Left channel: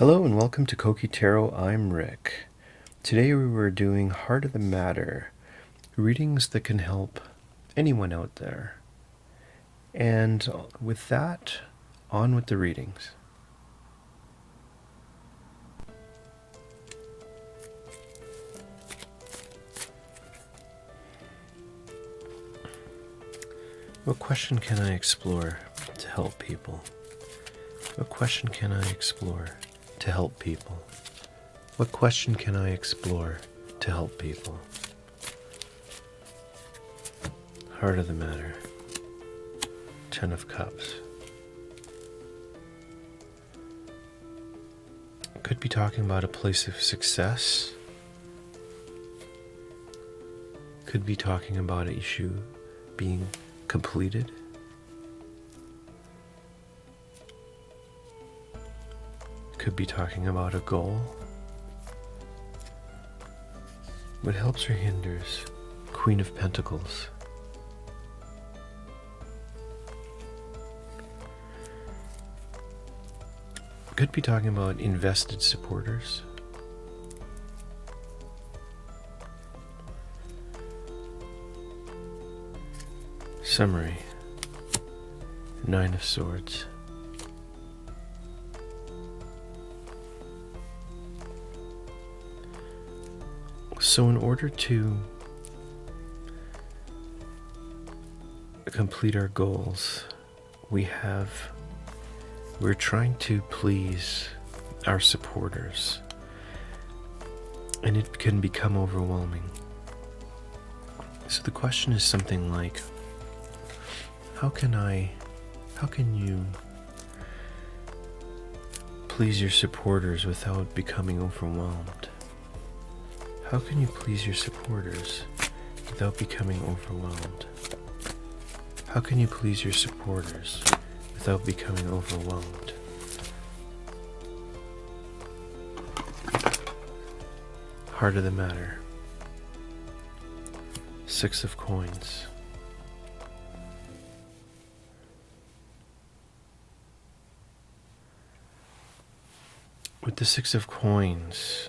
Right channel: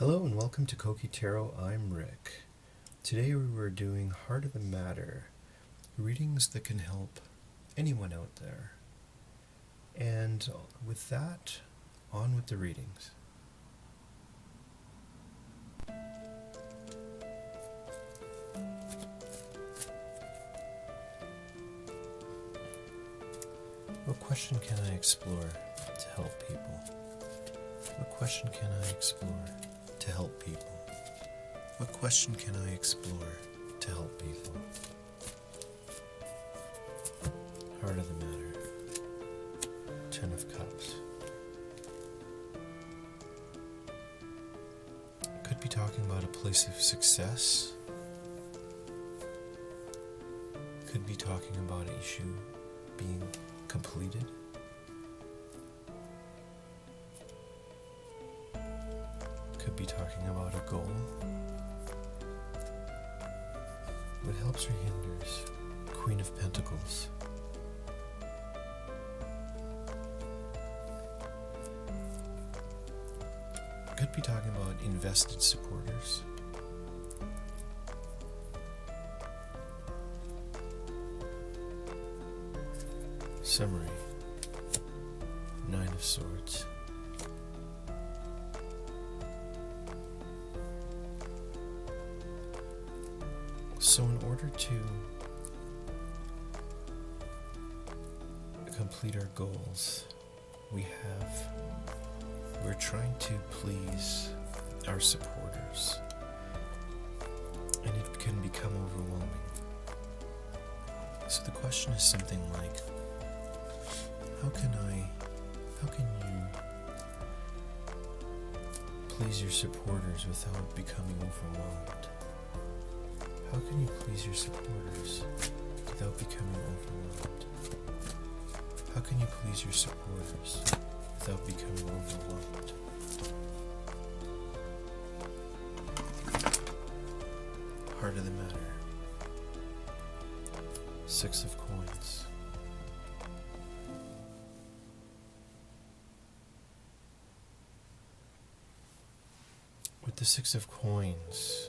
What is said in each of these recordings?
Hello and welcome to Koki Tarot. I'm Rick. Today we were doing Heart of the Matter, readings that can help anyone out there. And with that, on with the readings. What question can I explore to help people? What question can I explore to help people? What question can I explore to help people? Heart of the Matter. 10 of Cups. Could be talking about a place of success. Could be talking about an issue being completed. Could be talking about a goal. What helps or hinders? Queen of Pentacles. Could be talking about invested supporters. Summary. 9 of Swords. So in order to complete our goals, we're trying to please our supporters, and it can become overwhelming. So the question is something like, how can you please your supporters without becoming overwhelmed? How can you please your supporters without becoming overwhelmed? How can you please your supporters without becoming overwhelmed? Heart of the Matter. 6 of Coins. With the 6 of Coins,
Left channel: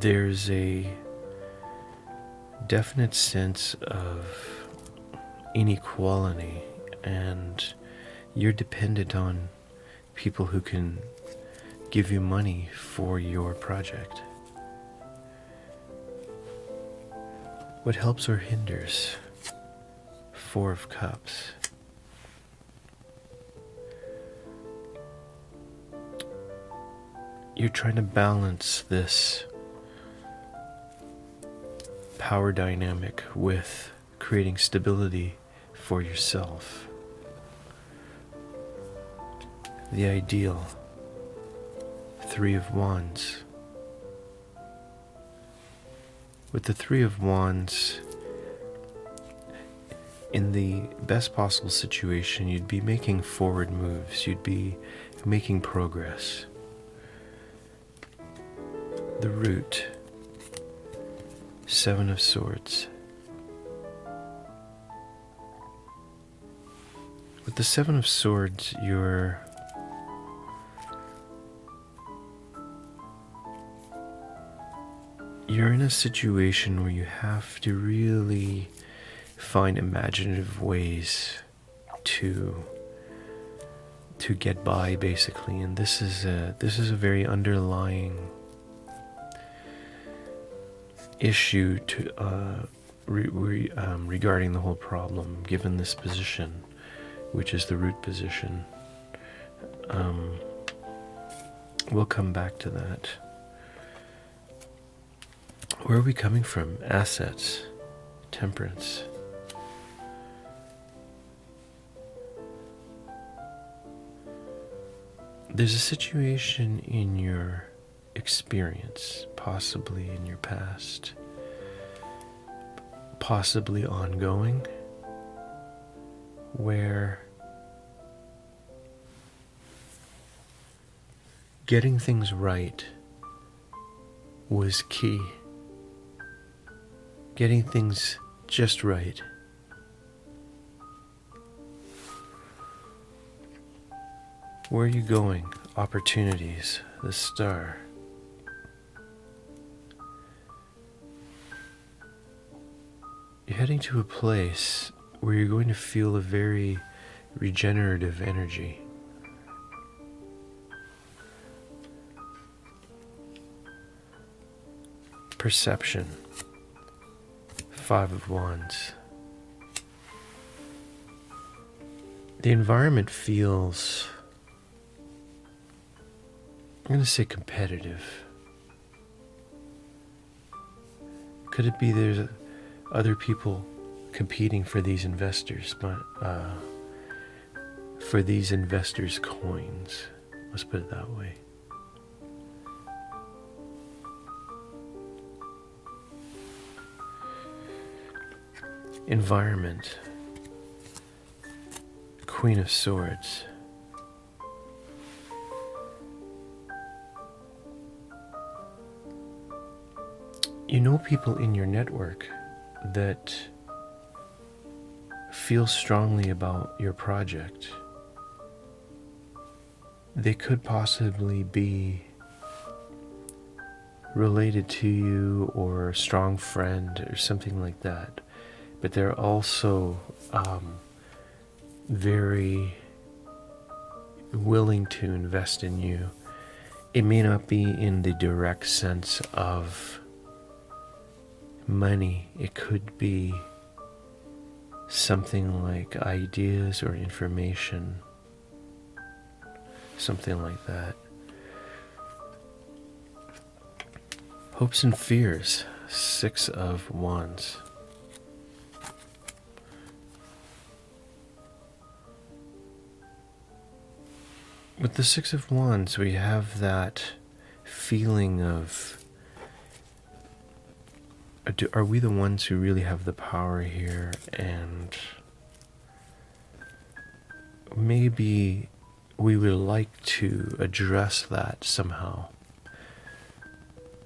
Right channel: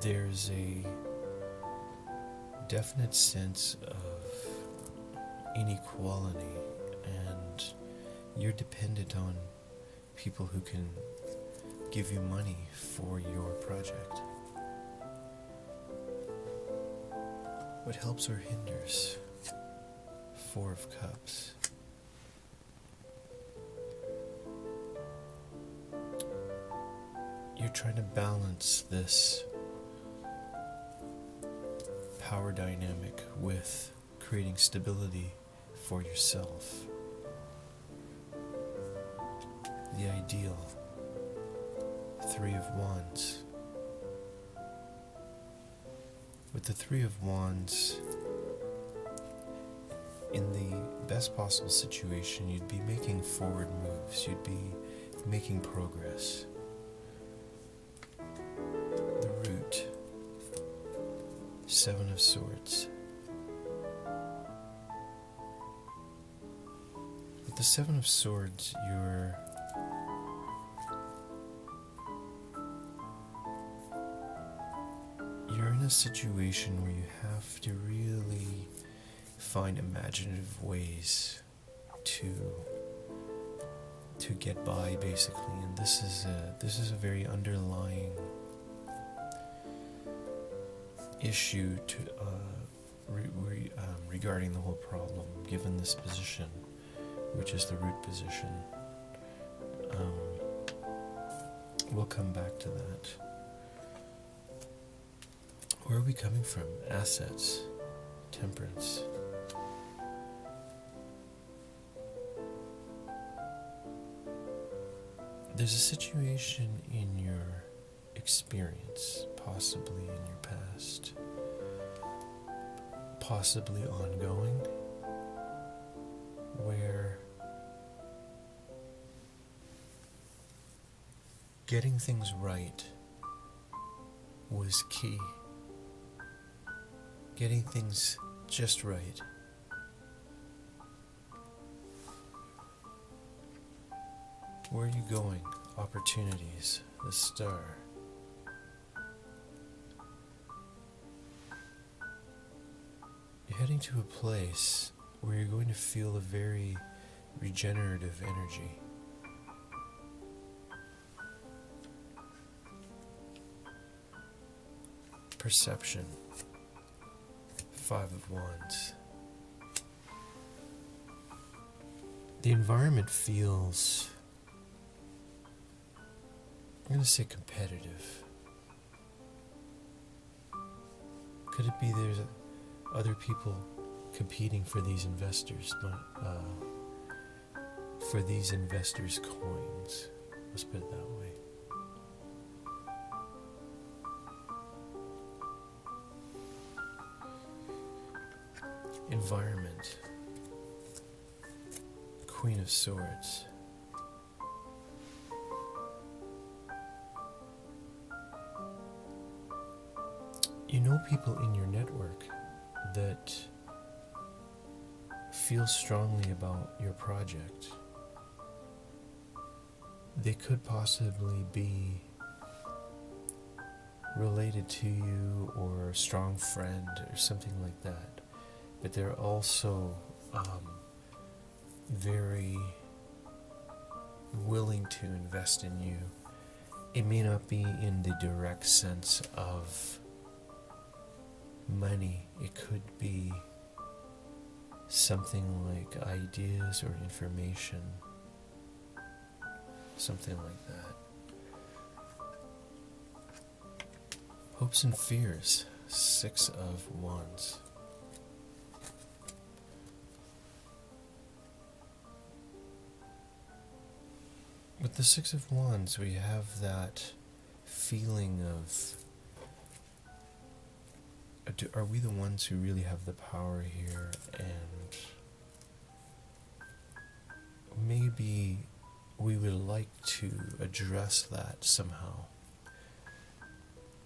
there's a definite sense of inequality, and you're dependent on people who can give you money for your project. What helps or hinders? 4 of Cups. You're trying to balance this power dynamic with creating stability for yourself. The ideal. 3 of Wands. With the 3 of Wands, in the best possible situation, you'd be making forward moves, you'd be making progress. The Root. 7 of Swords. With the 7 of Swords, you're in a situation where you have to really find imaginative ways to get by, basically, and this is a very underlying issue to regarding the whole problem, given this position, which is the Root position. We'll come back to that. Where are we coming from? Assets. Temperance. There's a situation in your experience, possibly in your past, possibly ongoing, where getting things right was key. Getting things just right. Where are you going? opportunities, the star. You're heading to a place where you're going to feel a very regenerative energy. Perception. 5 of Wands. The environment feels, I'm going to say, competitive. Could it be there's other people competing for these investors, but for these investors' coins? Let's put it that way. Environment. Queen of Swords. You know people in your network that feel strongly about your project. They could possibly be related to you or a strong friend or something like that. But they're also very willing to invest in you. It may not be in the direct sense of money. It could be something like ideas or information, something like that. Hopes and fears. 6 of Wands. With the 6 of Wands, we have that feeling of, are we the ones who really have the power here? And maybe we would like to address that somehow.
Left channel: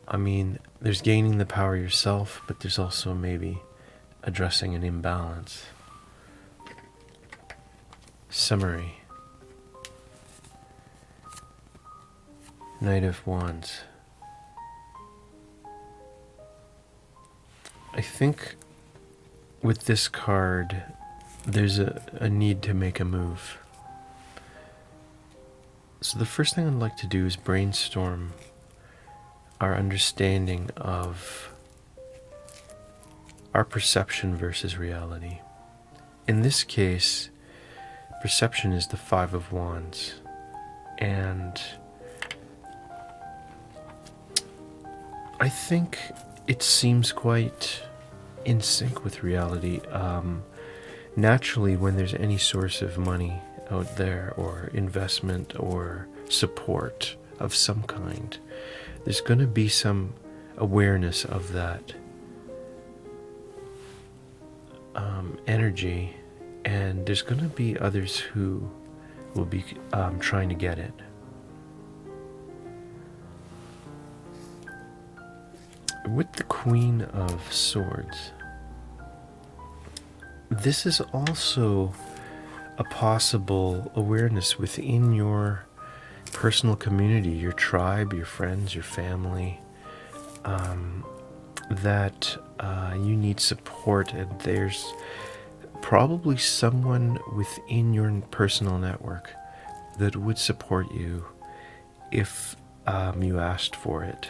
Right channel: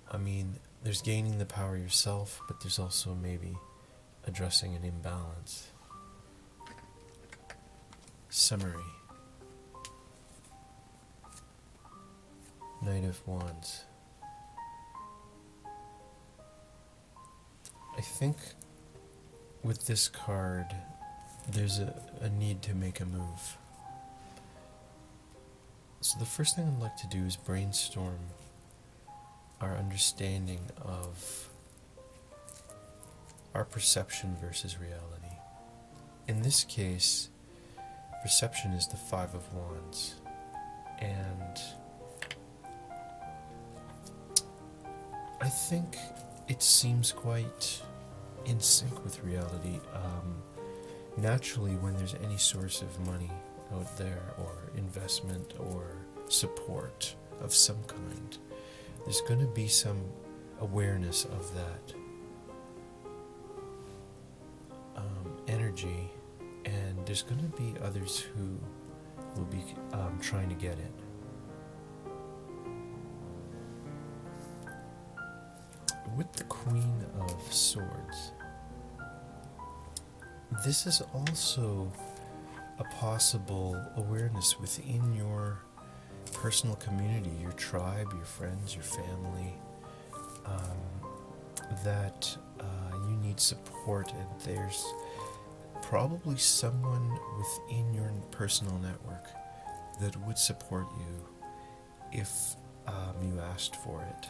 I mean, there's gaining the power yourself, but there's also maybe addressing an imbalance. Summary. Knight of Wands. I think with this card, there's a need to make a move. So the first thing I'd like to do is brainstorm our understanding of our perception versus reality. In this case, perception is the 5 of Wands. And I think it seems quite in sync with reality. Naturally, when there's any source of money out there, or investment, or support of some kind, there's going to be some awareness of that energy, and there's going to be others who will be trying to get it. With the Queen of Swords, this is also a possible awareness within your personal community, your tribe, your friends, your family, that you need support, and there's probably someone within your personal network that would support you if you asked for it.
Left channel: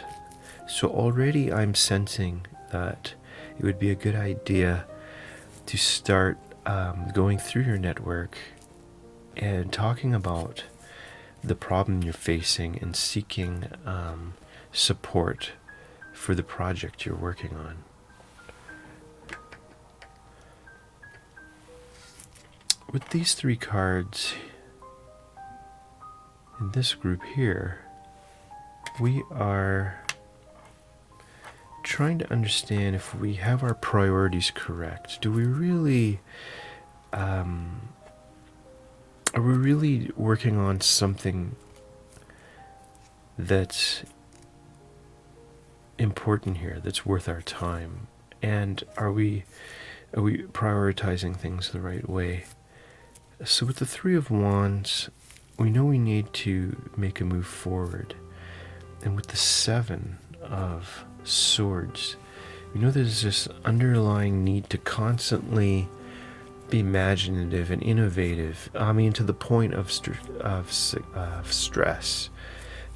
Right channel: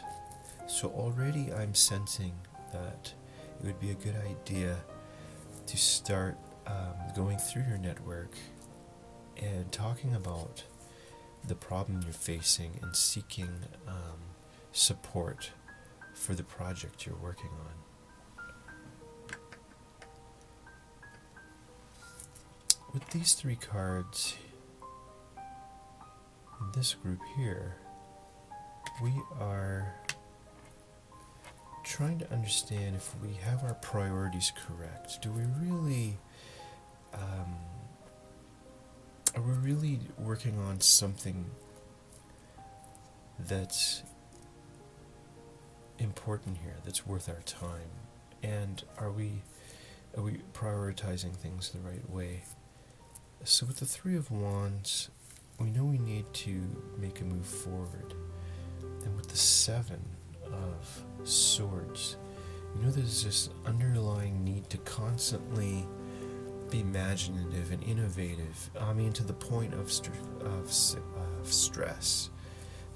So already I'm sensing that it would be a good idea to start going through your network and talking about the problem you're facing and seeking support for the project you're working on. With these 3 cards in this group here, we are trying to understand if we have our priorities correct. Do we really, are we really working on something that's important here, that's worth our time? And are we prioritizing things the right way? So with the 3 of Wands, we know we need to make a move forward. And with the 7 of Swords, we know there's this underlying need to constantly be imaginative and innovative. I mean, to the point of stress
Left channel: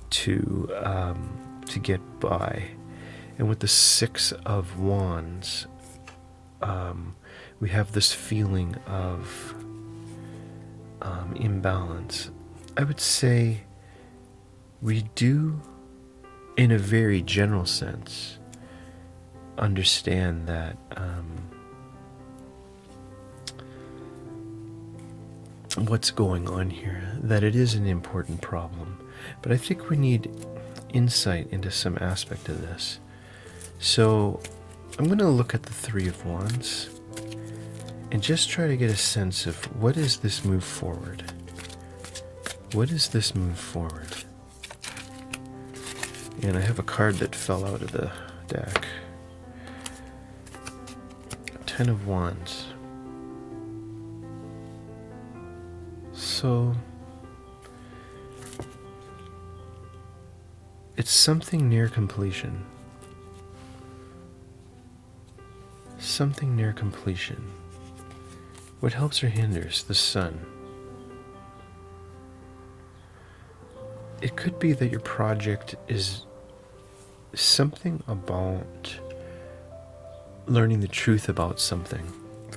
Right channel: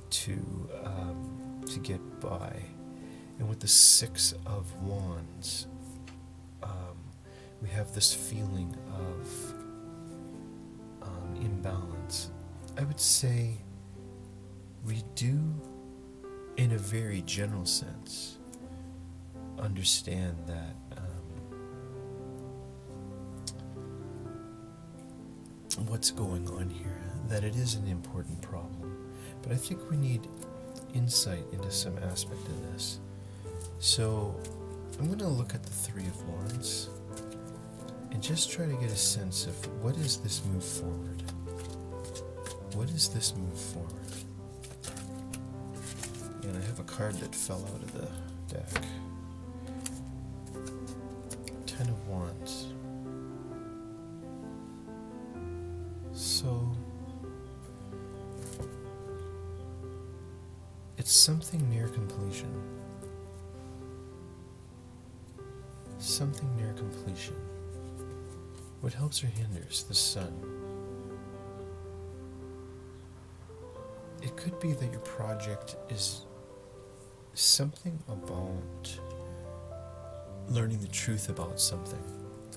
to get by. And with the 6 of Wands, we have this feeling of imbalance. I would say we do, in a very general sense, understand that what's going on here, that it is an important problem. But I think we need insight into some aspect of this. So I'm going to look at the 3 of Wands and just try to get a sense of what is this move forward? What is this move forward? And I have a card that fell out of the deck. 10 of Wands. So it's something near completion. Something near completion. What helps or hinders? The Sun. It could be that your project is something about learning the truth about something.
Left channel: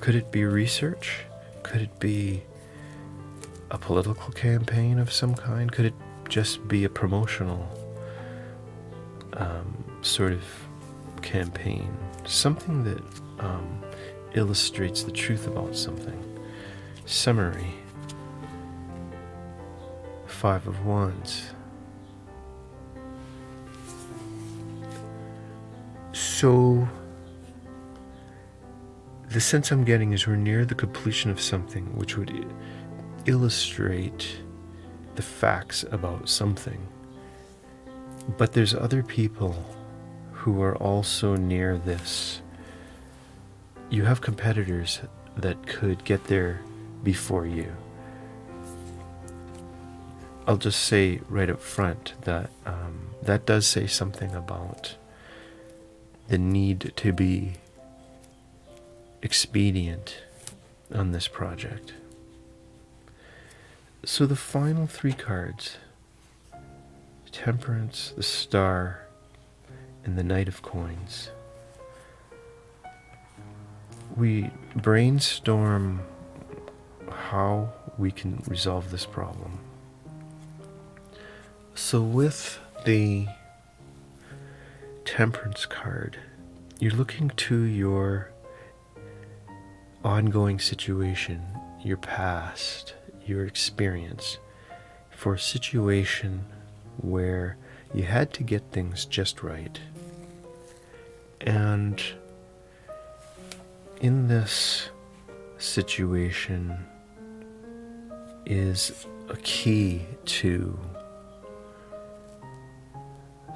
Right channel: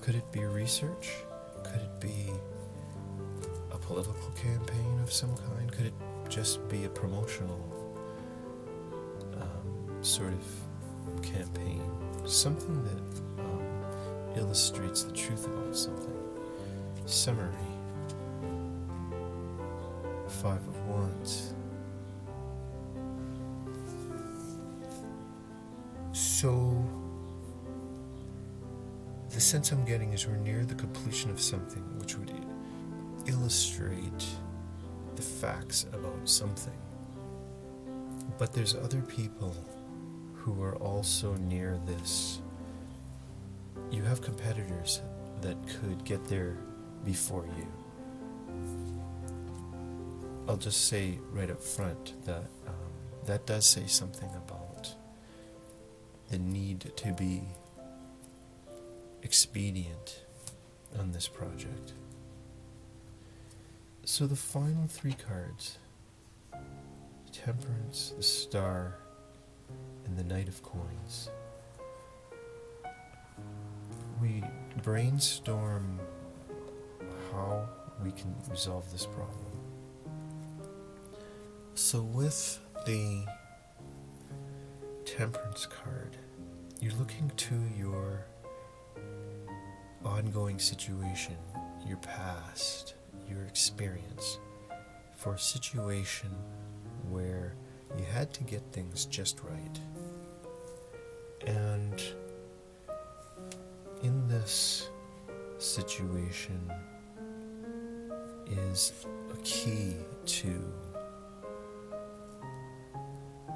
Could it be research? Could it be a political campaign of some kind? Could it just be a promotional sort of campaign? Something that illustrates the truth about something. Summary. 5 of Wands. So the sense I'm getting is we're near the completion of something which would illustrate the facts about something. But there's other people who are also near this. You have competitors that could get there before you. I'll just say right up front that that does say something about the need to be expedient on this project. So the final 3 cards, Temperance, the Star, and the Knight of Coins. We brainstorm how we can resolve this problem. So with the Temperance card, you're looking to your ongoing situation, your past, your experience, for a situation where you had to get things just right. And in this situation is a key to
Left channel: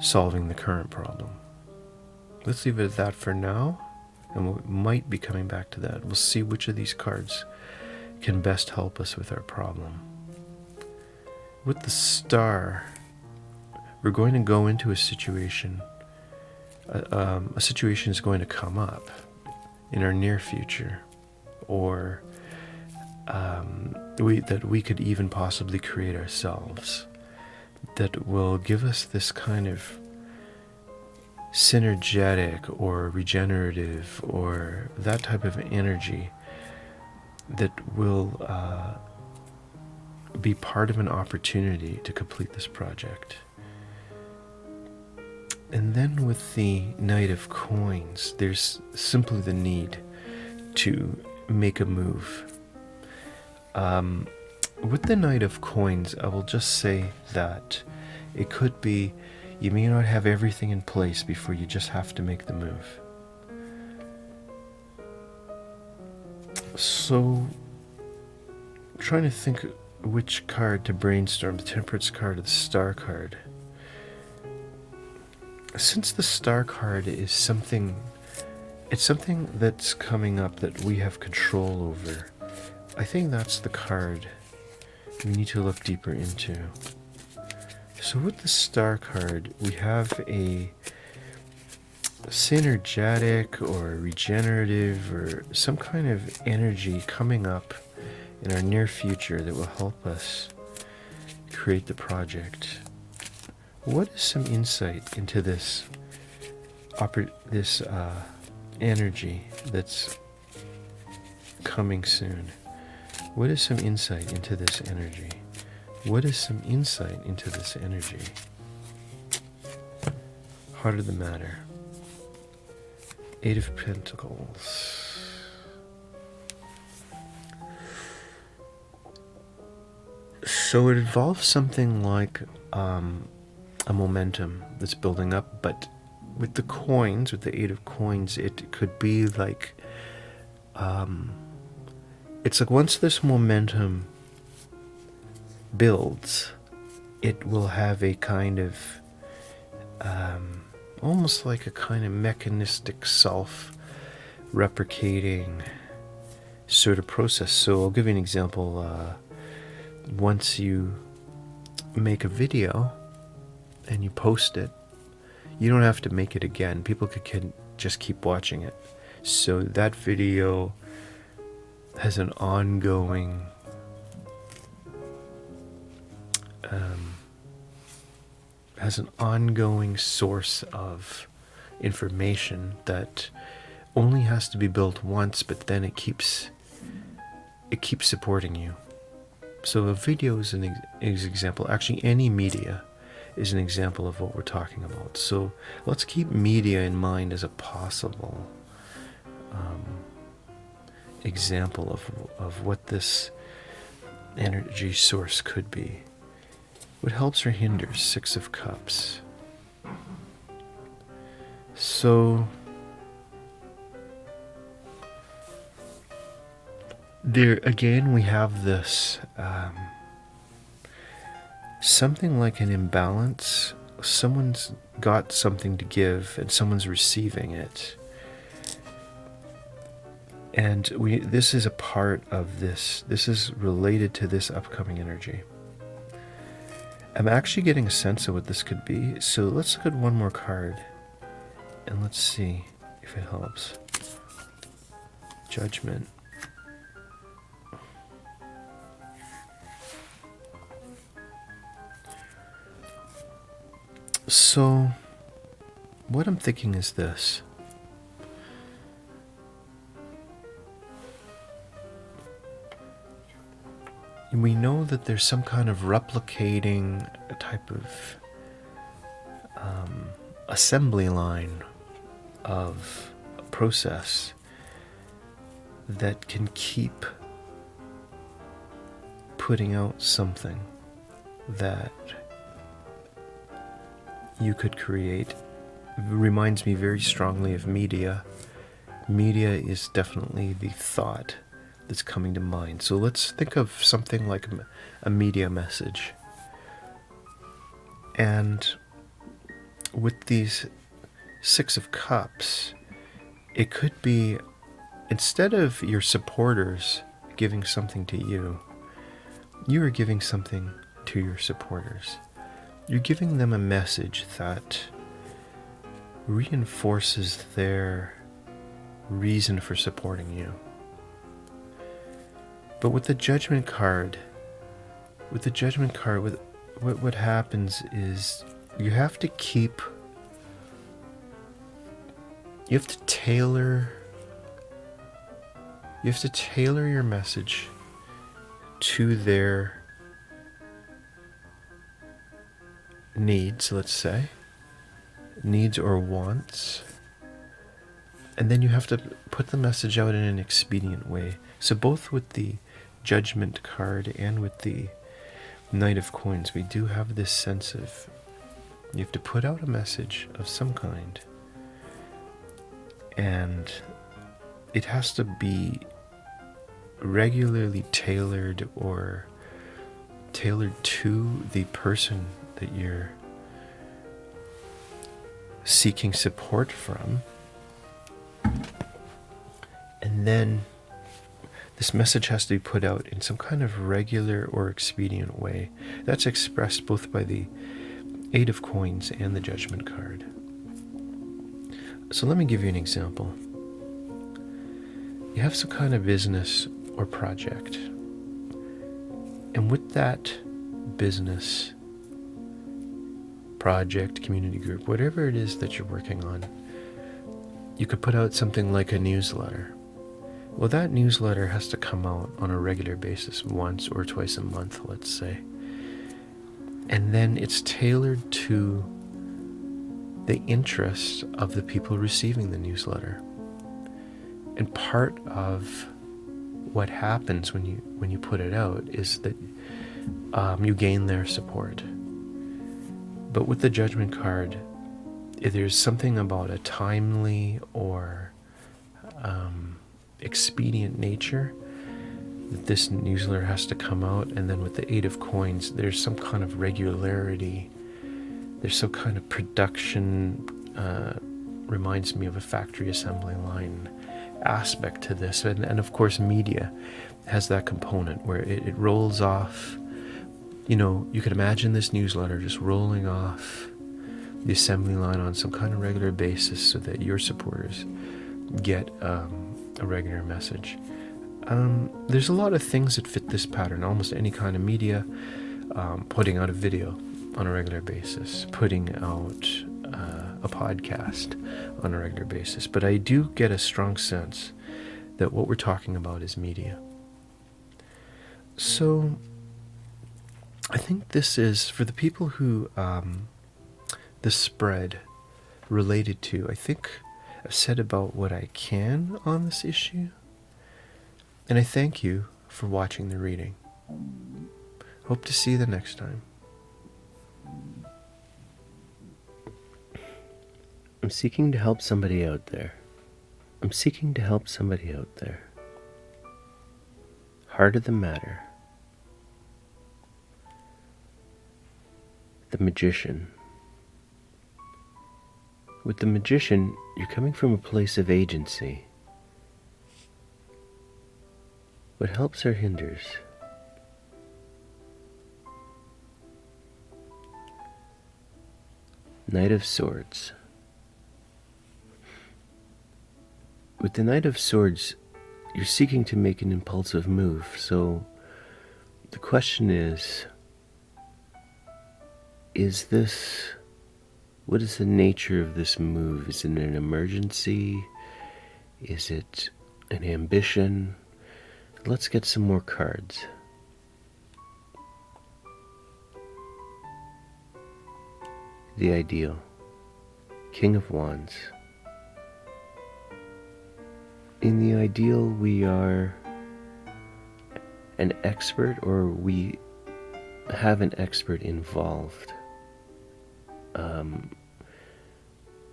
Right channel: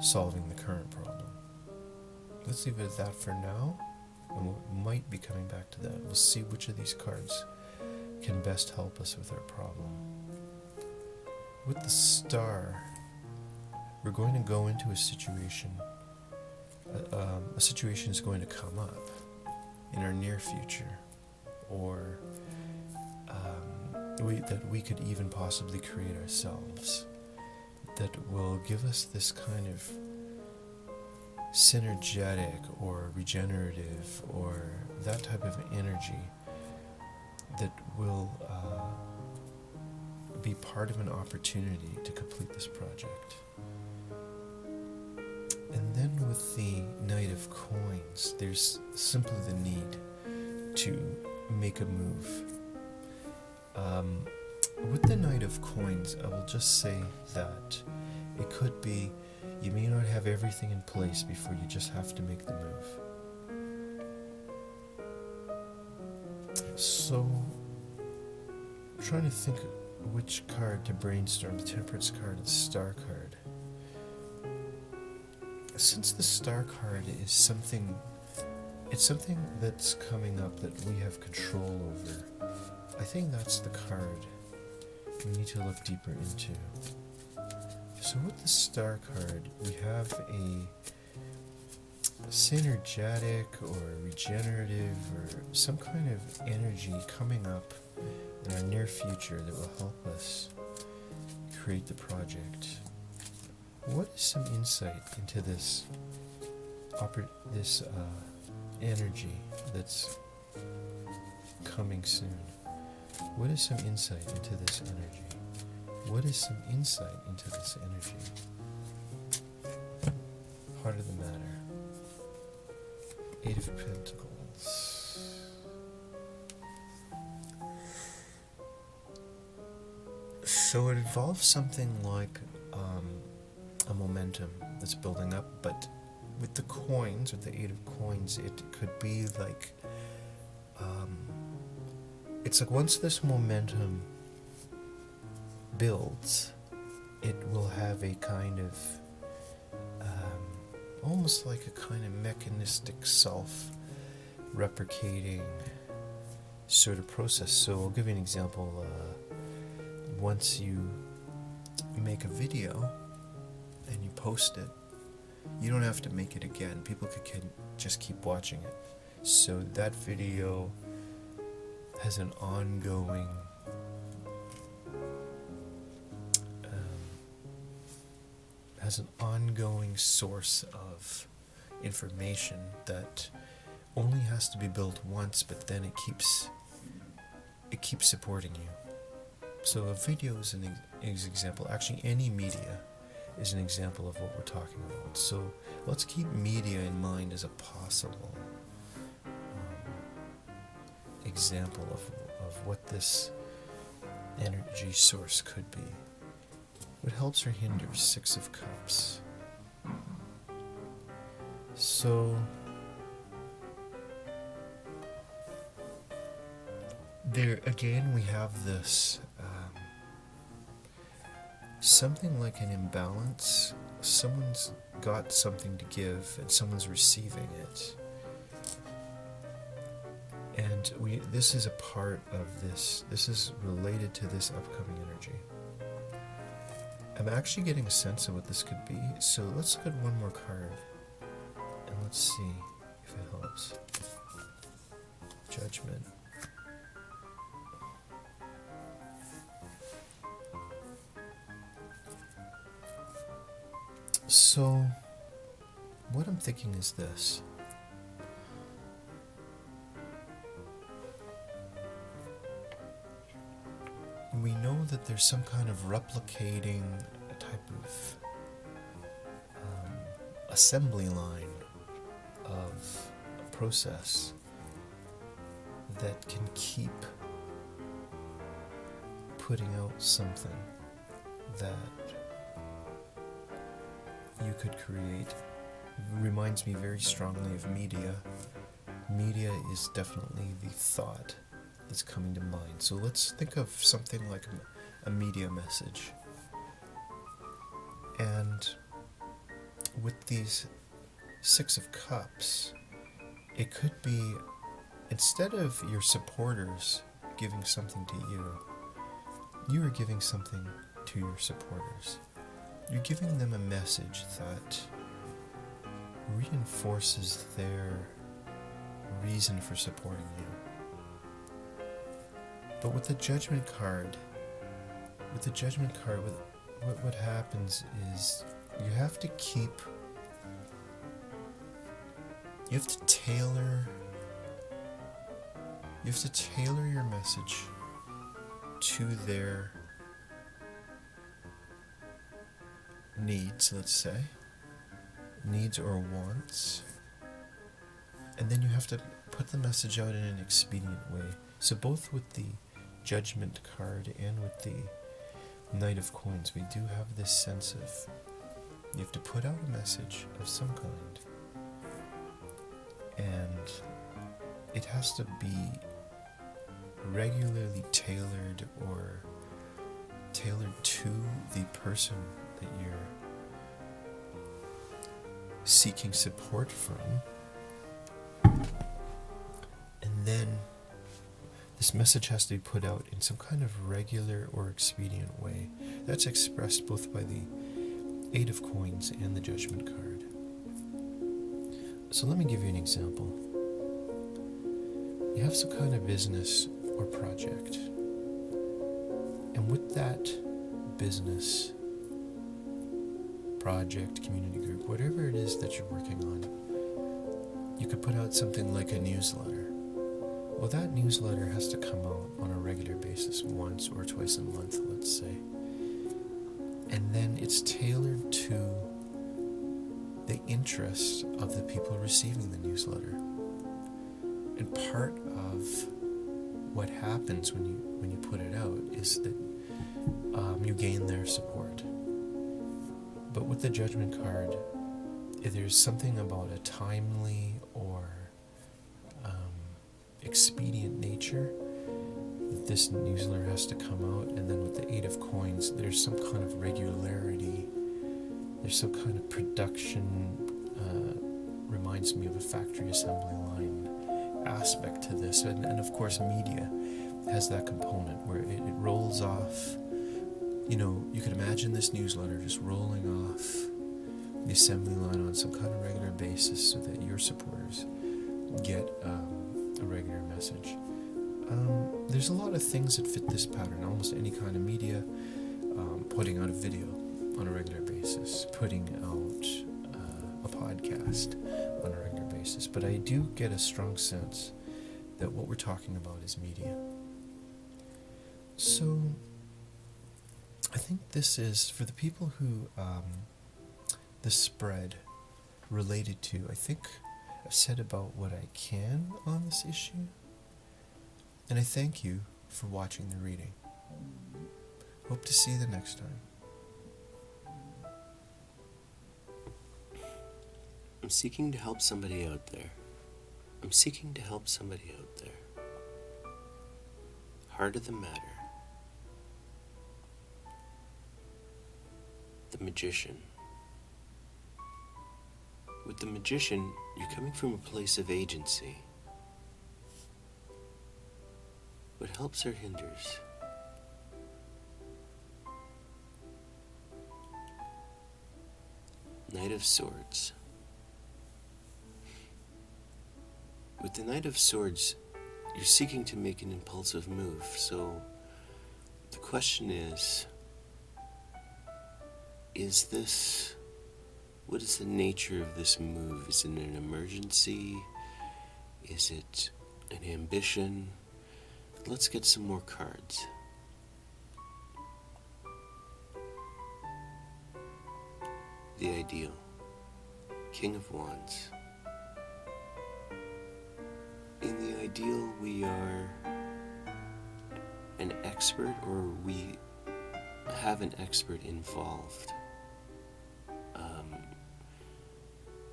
solving the current problem. Let's leave it at that for now, and we might be coming back to that. We'll see which of these cards can best help us with our problem. With the Star, we're going to go into a situation. A situation is going to come up in our near future, or that we could even possibly create ourselves, that will give us this kind of synergetic or regenerative or that type of energy that will be part of an opportunity to complete this project. And then with the Knight of Coins, there's simply the need to make a move. With the Knight of Coins, I will just say that it could be you may not have everything in place before you just have to make the move. So, trying to think which card to brainstorm, the Temperance card or the Star card. Since the Star card is something, it's something that's coming up that we have control over, I think that's the card we need to look deeper into. So with the Star card, we have a synergetic or regenerative or some kind of energy coming up in our near future that will help us create the project. What is some insight into this energy that's coming soon? What is some insight into this energy? What is some insight into this energy? Heart of the matter. Eight of Pentacles. So it involves something like a momentum that's building up, but with the coins, with the Eight of Coins, it could be like, it's like once this momentum builds, it will have a kind of, almost like a kind of mechanistic self-replicating sort of process. So I'll give you an example. Once you make a video and you post it, you don't have to make it again. People can just keep watching it. So that video has an ongoing source of information that only has to be built once, but then it keeps supporting you. So a video is an example. Actually, any media is an example of what we're talking about. So let's keep media in mind as a possible example of what this energy source could be. What helps or hinders? Six of Cups. So there again we have this something like an imbalance. Someone's got something to give and someone's receiving it. And this is a part of this. This is related to this upcoming energy. I'm actually getting a sense of what this could be. So let's look at one more card and let's see if it helps. Judgment. So what I'm thinking is this. We know that there's some kind of replicating type of assembly line of a process that can keep putting out something that you could create. It reminds me very strongly of media. Media is definitely the thought that's coming to mind. So let's think of something like a media message. And with these Six of Cups, it could be, instead of your supporters giving something to you, you are giving something to your supporters. You're giving them a message that reinforces their reason for supporting you. But with the Judgment card, what happens is you have to tailor your message to their needs, let's say, needs or wants, and then you have to put the message out in an expedient way. So both with the Judgment card and with the Knight of Coins, we do have this sense of you have to put out a message of some kind, and it has to be regularly tailored or tailored to the person that you're seeking support from. And then This message has to be put out in some kind of regular or expedient way. That's expressed both by the 8 of coins and the judgment card. So let me give you an example. You have some kind of business or project. And with that business, project, community group, whatever it is that you're working on, you could put out something like a newsletter. Well, that newsletter has to come out on a regular basis, once or twice a month, let's say. And then it's tailored to the interests of the people receiving the newsletter. And part of what happens when you put it out is that you gain their support. But with the judgment card, there's something about a timely or expedient nature that this newsletter has to come out. And then with the 8 of coins, there's some kind of regularity. There's some kind of production, reminds me of a factory assembly line aspect to this. And of course, media has that component where it rolls off. You could imagine this newsletter just rolling off the assembly line on some kind of regular basis so that your supporters get a regular message. There's a lot of things that fit this pattern. Almost any kind of media, putting out a video on a regular basis, putting out a podcast on a regular basis. But I do get a strong sense that what we're talking about is media. So I think this is, for the people who the spread related to, I think I've said about what I can on this issue. And I thank you for watching the reading. Hope to see you the next time. I'm seeking to help somebody out there. I'm seeking to help somebody out there. Heart of the matter. The magician. With the magician, you're coming from a place of agency. What helps or hinders? Knight of Swords. With the Knight of Swords, you're seeking to make an impulsive move. So the question is this, what is the nature of this move? Is it an emergency? Is it an ambition? Let's get some more cards. The Ideal. King of Wands. In the Ideal, we are an expert, or we have an expert involved.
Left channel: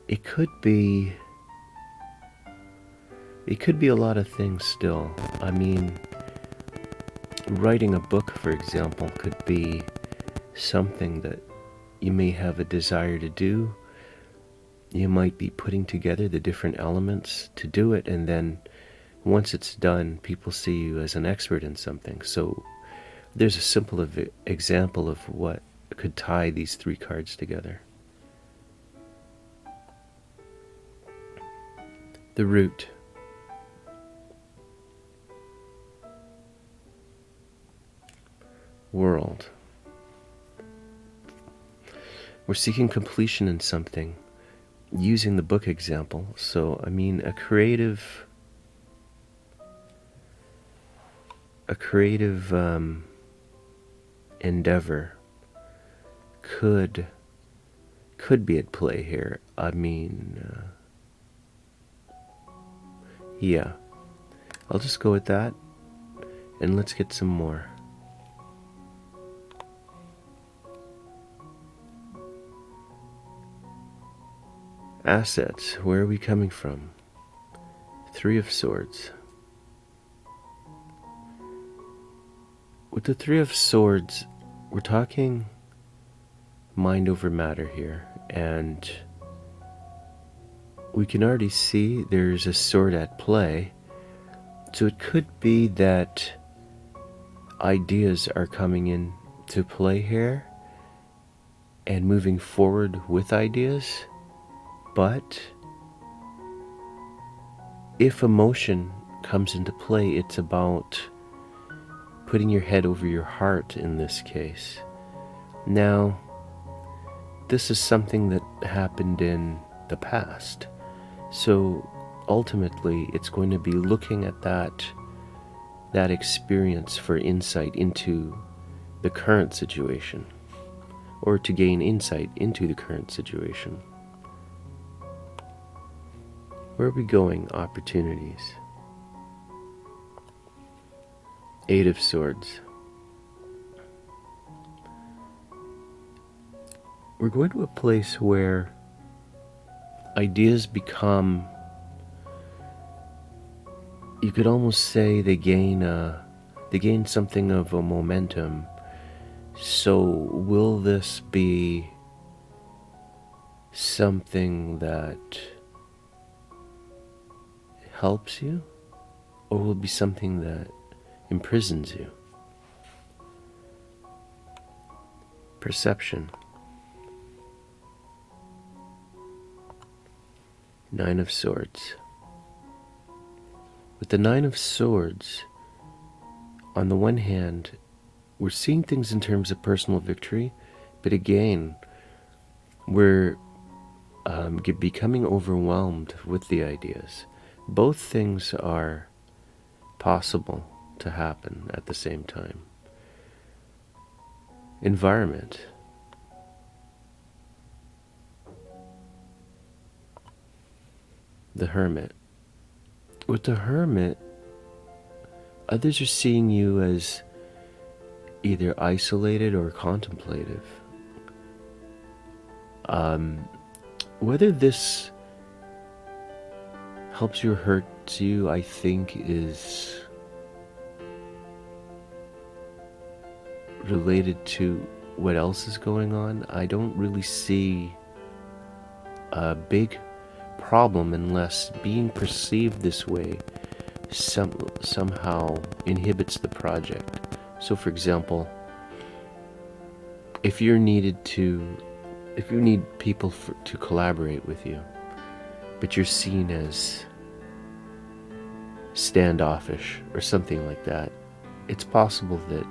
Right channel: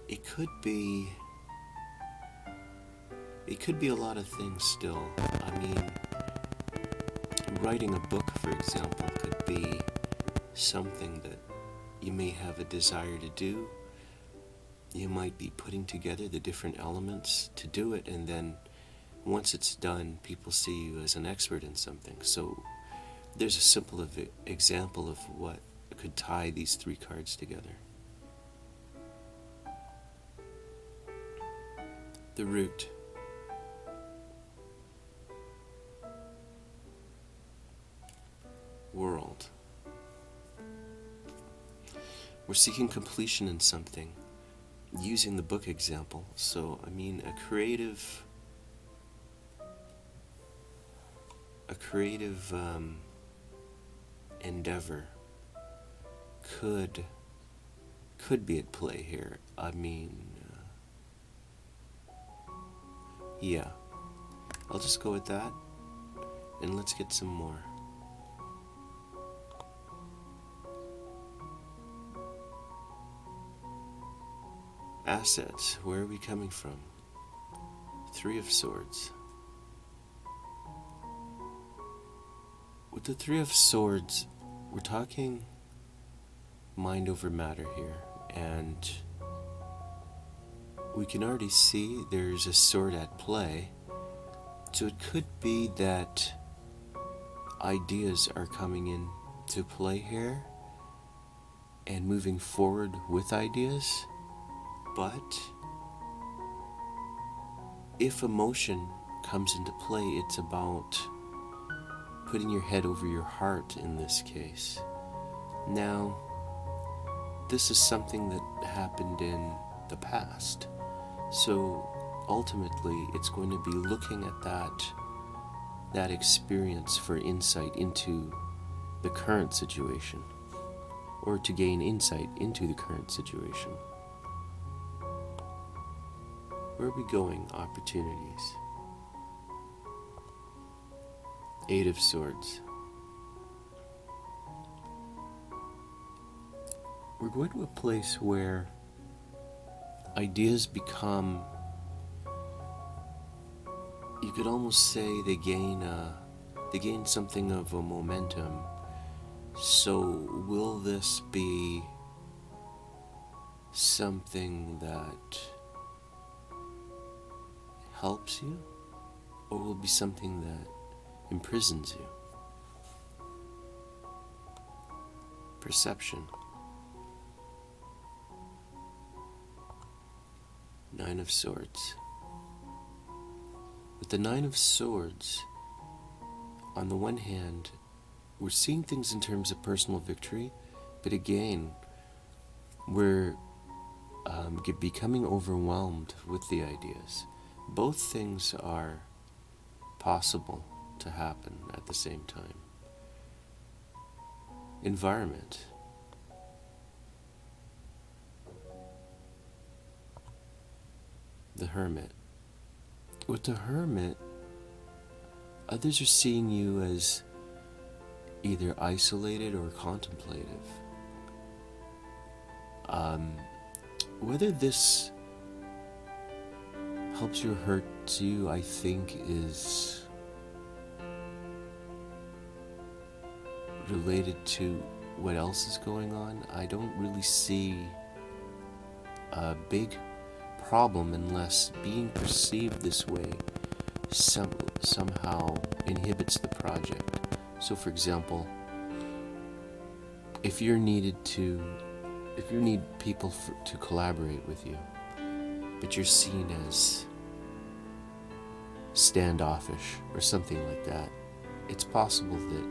It could be a lot of things still. I mean, writing a book, for example, could be something that you may have a desire to do. You might be putting together the different elements to do it, and then once it's done, people see you as an expert in something. So there's a simple example of what could tie these 3 cards together. The Root. World. We're seeking completion in something, using the book example. So, I mean, a creative endeavor could be at play here. I mean, yeah, I'll just go with that, and let's get some more. Assets, where are we coming from? 3 of Swords. With the 3 of Swords, we're talking mind over matter here, and we can already see there's a sword at play So it could be that ideas are coming in to play here and moving forward with ideas, but if emotion comes into play, it's about putting your head over your heart in this case. Now, this is something that happened in the past, so ultimately it's going to be looking at that experience for insight into the current situation, or to gain insight into the current situation. Where are we going? Opportunities. 8 of Swords. We're going to a place where ideas become, you could almost say they gain something of a momentum. So will this be something that helps you, or will it be something that imprisons you? Perception. 9 of Swords. With the 9 of Swords, on the one hand, we're seeing things in terms of personal victory, but again, we're becoming overwhelmed with the ideas. Both things are possible to happen at the same time. Environment. The Hermit. With the Hermit, others are seeing you as either isolated or contemplative. Whether this helps you or hurts you, I think, is related to what else is going on. I don't really see a big problem unless being perceived this way somehow inhibits the project. So for example, if you need people to collaborate with you, but you're seen as standoffish or something like that, it's possible that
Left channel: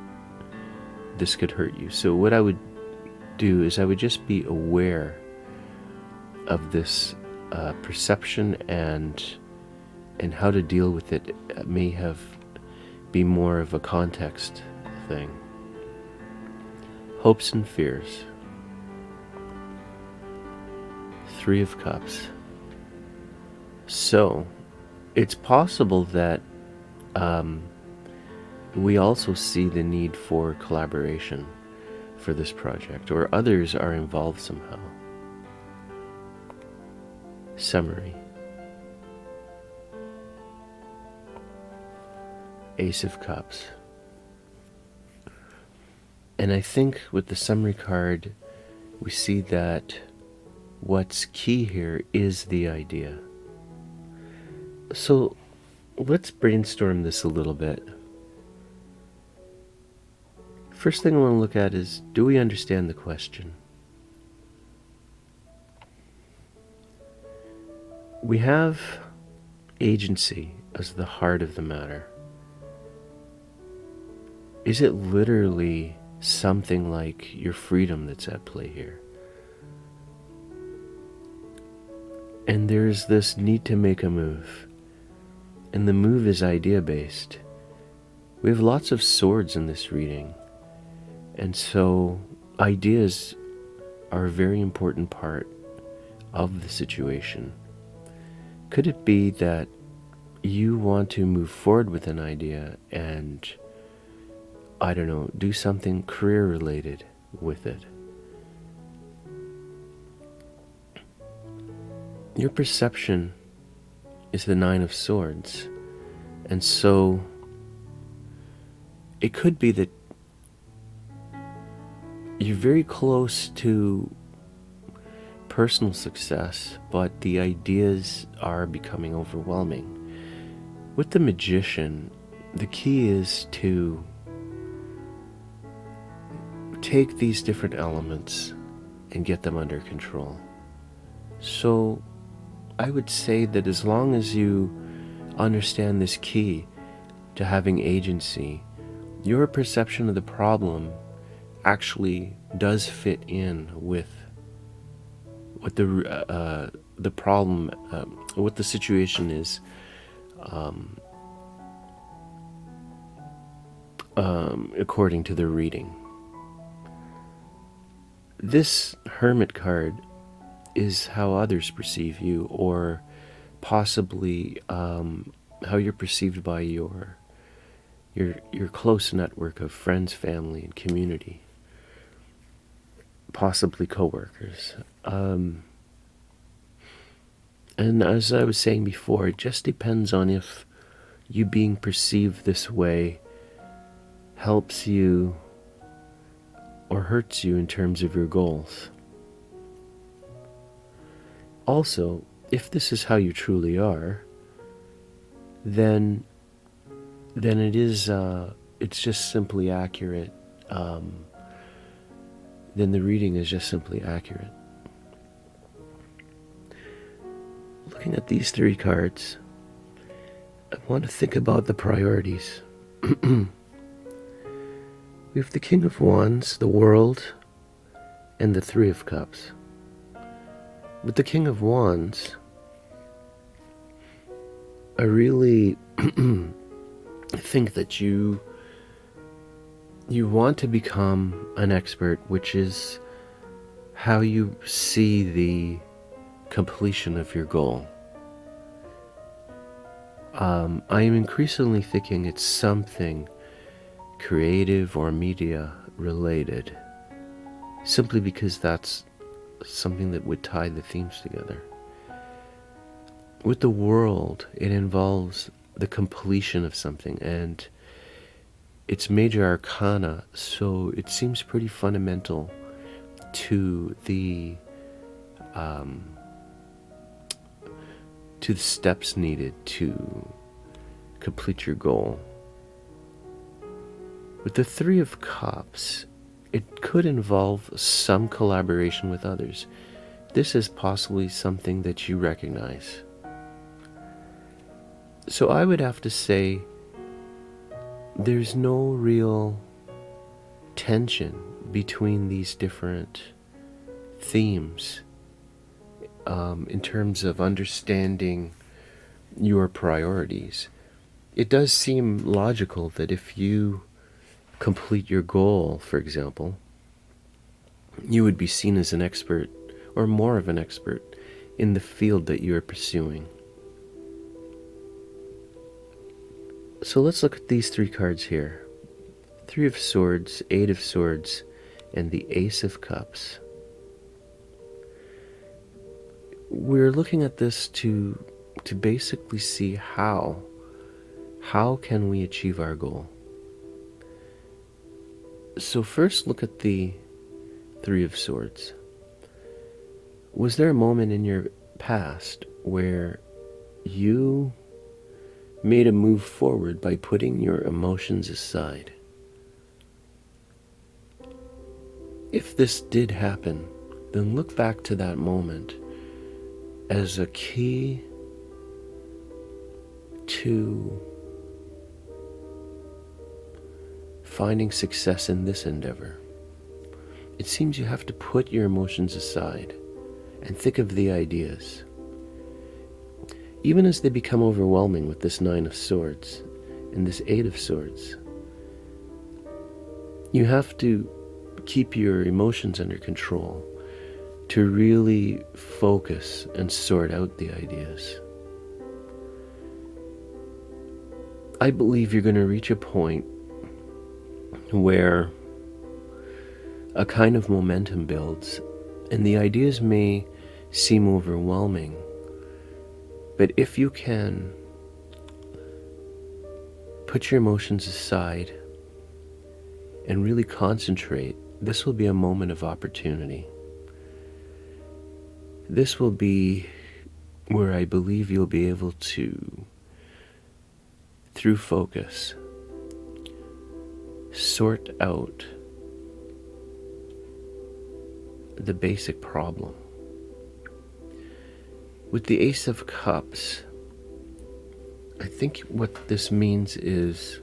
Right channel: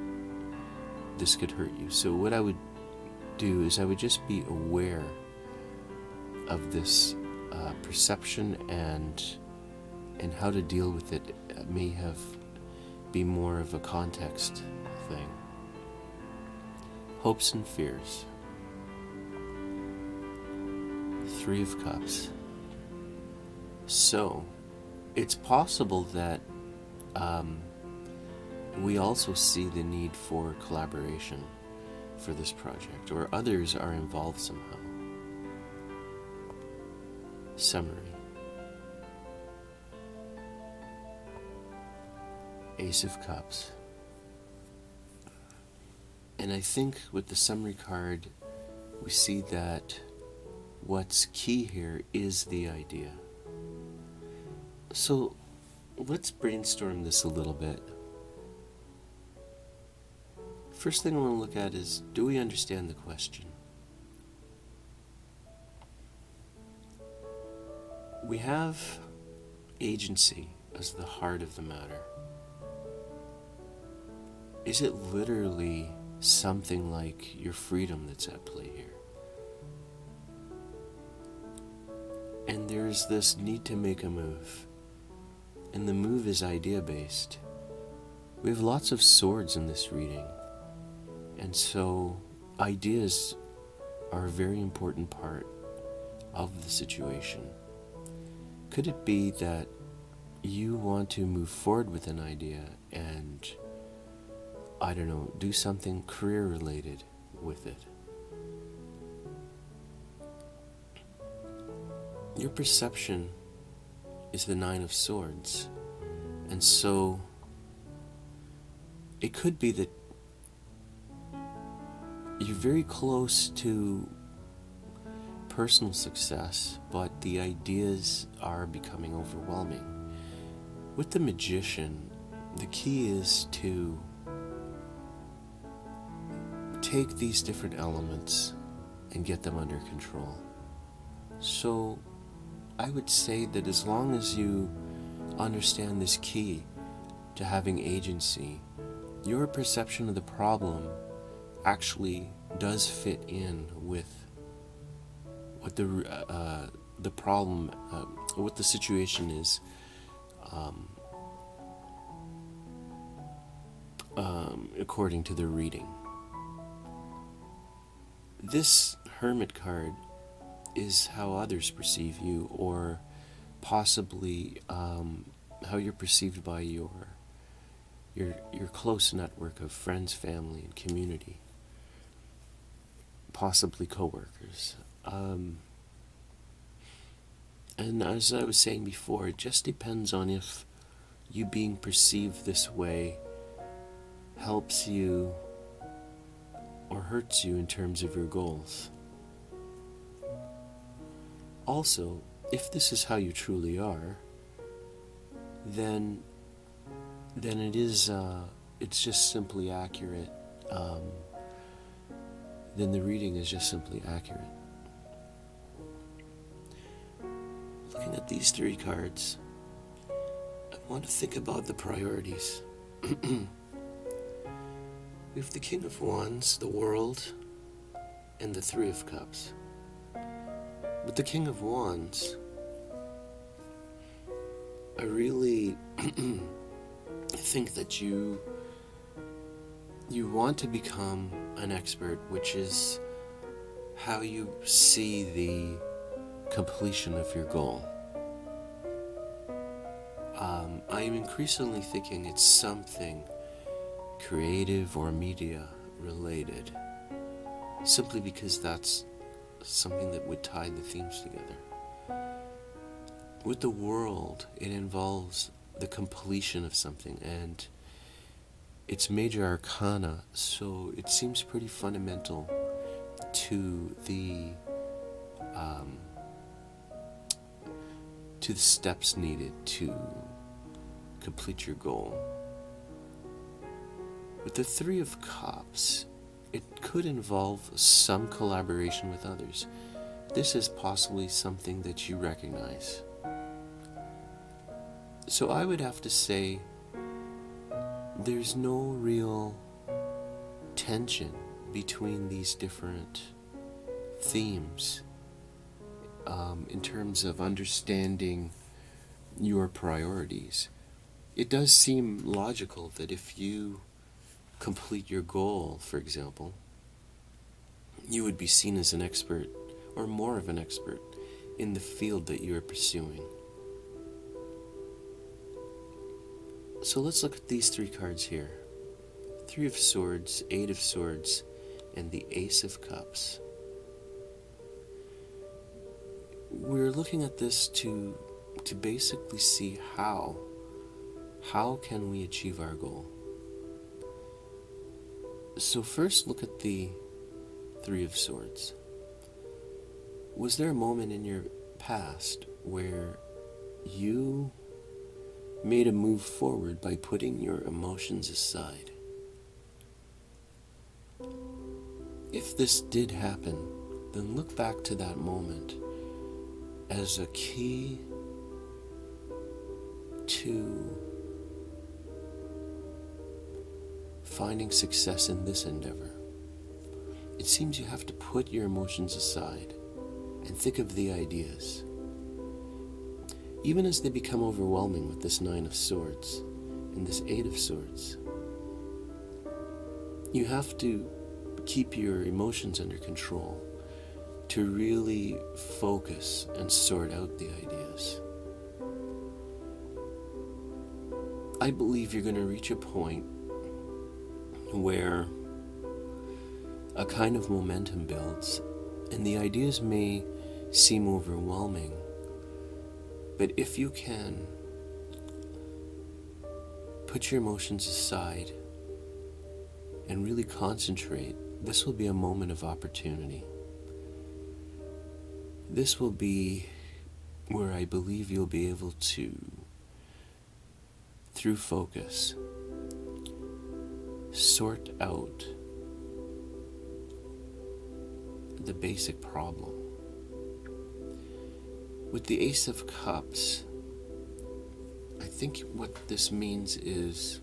this could hurt you. So what I would do is I would just be aware of this perception and how to deal with it. May be more of a context thing. Hopes and fears. 3 of Cups. So it's possible that we also see the need for collaboration for this project, or others are involved somehow. Summary. Ace of Cups. And I think with the summary card, we see that what's key here is the idea. So let's brainstorm this a little bit. First thing I want to look at is, do we understand the question? We have agency as the heart of the matter. Is it literally something like your freedom that's at play here? And there's this need to make a move. And the move is idea-based. We have lots of swords in this reading. And so ideas are a very important part of the situation. Could it be that you want to move forward with an idea and, I don't know, do something career-related with it? Your perception is the 9 of Swords. And so it could be that you're very close to personal success, but the ideas are becoming overwhelming. With the magician, the key is to take these different elements and get them under control. So I would say that as long as you understand this key to having agency, your perception of the problem actually does fit in with what the problem, what the situation is, according to the reading. This Hermit card is how others perceive you, or possibly how you're perceived by your close network of friends, family, and community, possibly co-workers. And as I was saying before, it just depends on if you being perceived this way helps you or hurts you in terms of your goals. Also, if this is how you truly are, then it is it's just simply accurate. Then the reading is just simply accurate. Looking at these three cards, I want to think about the priorities. We have the King of Wands, the World, and the Three of Cups. With the King of Wands, I really think that you want to become an expert, which is how you see the completion of your goal. I am increasingly thinking it's something creative or media related, simply because that's something that would tie the themes together. With the World, it involves the completion of something, and it's major arcana, so it seems pretty fundamental to the steps needed to complete your goal. With the Three of Cups, it could involve some collaboration with others. This is possibly something that you recognize. So I would have to say there's no real tension between these different themes in terms of understanding your priorities. It does seem logical that if you complete your goal, for example, you would be seen as an expert or more of an expert in the field that you are pursuing. So let's look at these three cards here. Three of Swords, Eight of Swords, and the Ace of Cups. We're looking at this to basically see how can we achieve our goal. So first, look at the Three of Swords. Was there a moment in your past where you made a move forward by putting your emotions aside? If this did happen, then look back to that moment as a key to finding success in this endeavor. It seems you have to put your emotions aside and think of the ideas. Even as they become overwhelming with this Nine of Swords and this Eight of Swords, you have to keep your emotions under control to really focus and sort out the ideas. I believe you're going to reach a point where a kind of momentum builds, and the ideas may seem overwhelming, but if you can put your emotions aside and really concentrate, this will be a moment of opportunity. This will be where I believe you'll be able to through focus, sort out the basic problem. With the Ace of Cups, I think what this means is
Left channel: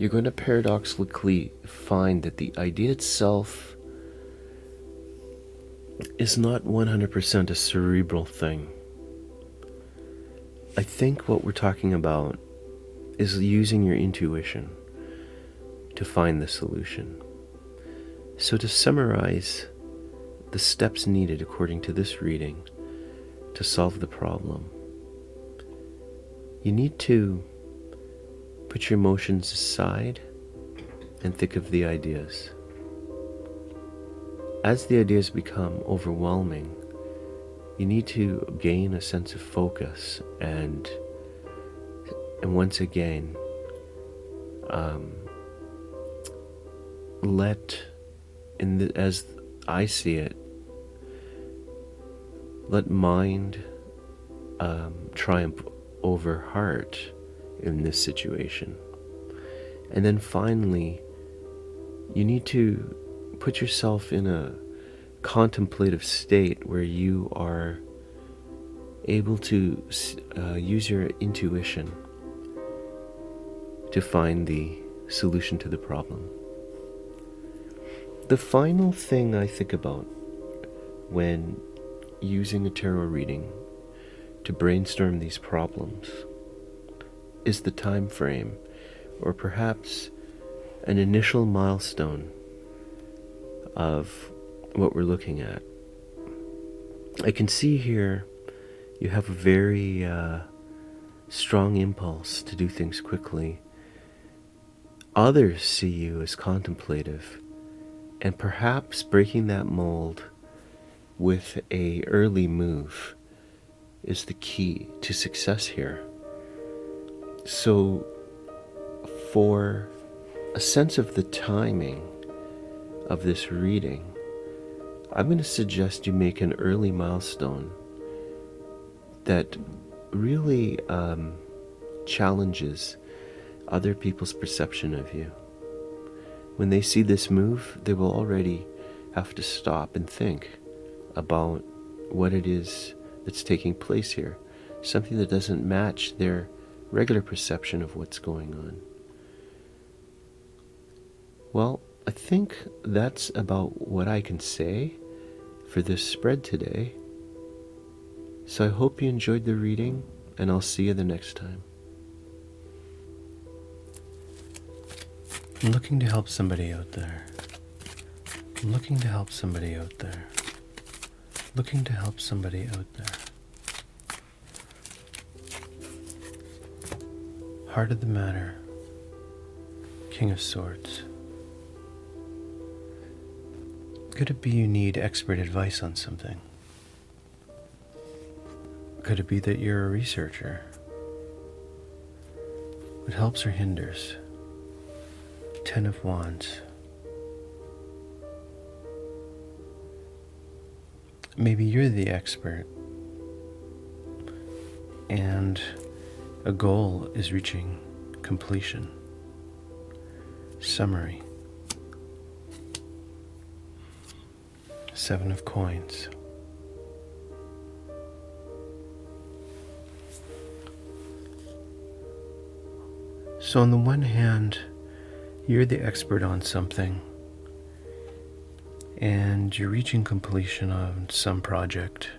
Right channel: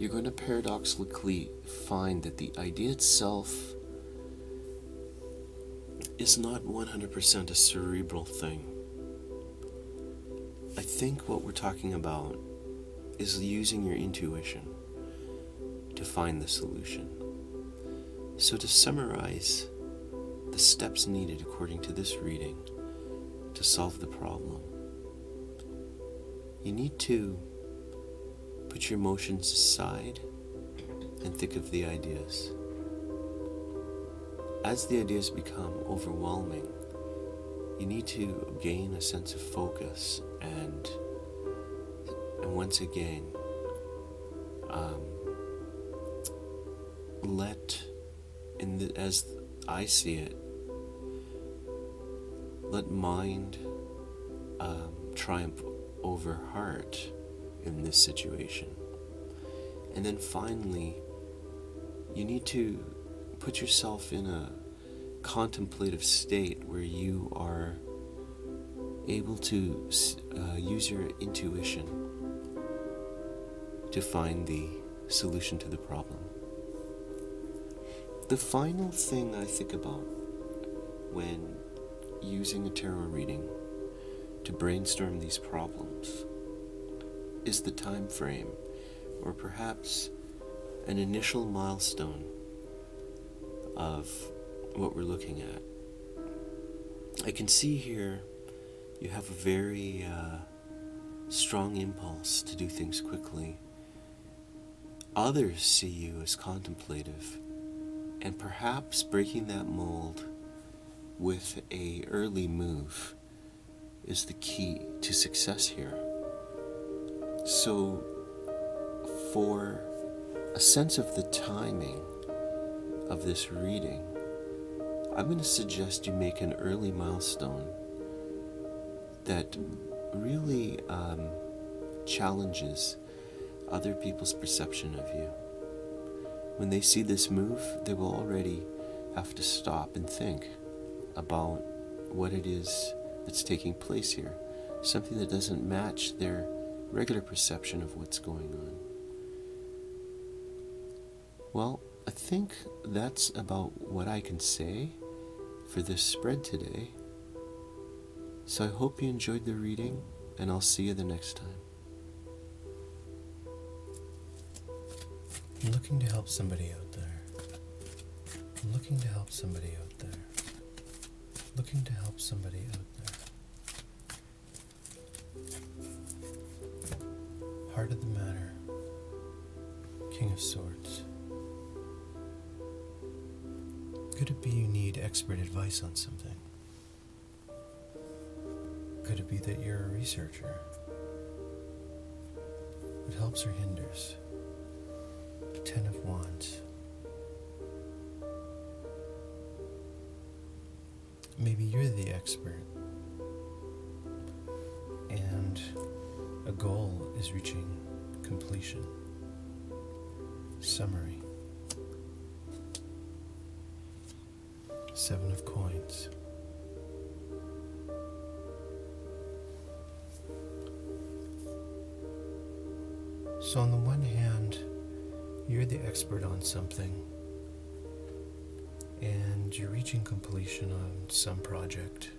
you're going to paradoxically find that the idea itself is not 100% a cerebral thing. I think what we're talking about is using your intuition to find the solution. So to summarize the steps needed according to this reading to solve the problem, you need to put your emotions aside and think of the ideas. As the ideas become overwhelming, you need to gain a sense of focus and once again as I see it, let mind triumph over heart in this situation. And then finally, you need to put yourself in a contemplative state where you are able to use your intuition to find the solution to the problem. The final thing I think about when using a tarot reading to brainstorm these problems is the time frame, or perhaps an initial milestone of what we're looking at. I can see here you have a very strong impulse to do things quickly. Others see you as contemplative, and perhaps breaking that mold with an early move is the key to success here. So for a sense of the timing of this reading, I'm going to suggest you make an early milestone that really challenges other people's perception of you. When they see this move, they will already have to stop and think about what it is that's taking place here, something that doesn't match their regular perception of what's going on. Well, I think that's about what I can say for this spread today. So I hope you enjoyed the reading, and I'll see you the next time. I'm looking to help somebody out there. I'm looking to help somebody out there. Looking to help somebody out there. Heart of the matter. King of Swords. Could it be you need expert advice on something? Could it be that you're a researcher? What helps or hinders? Ten of Wands. Maybe you're the expert, and a goal is reaching completion. Summary. Seven of Coins. So on the one hand, you're the expert on something, and you're reaching completion on some project.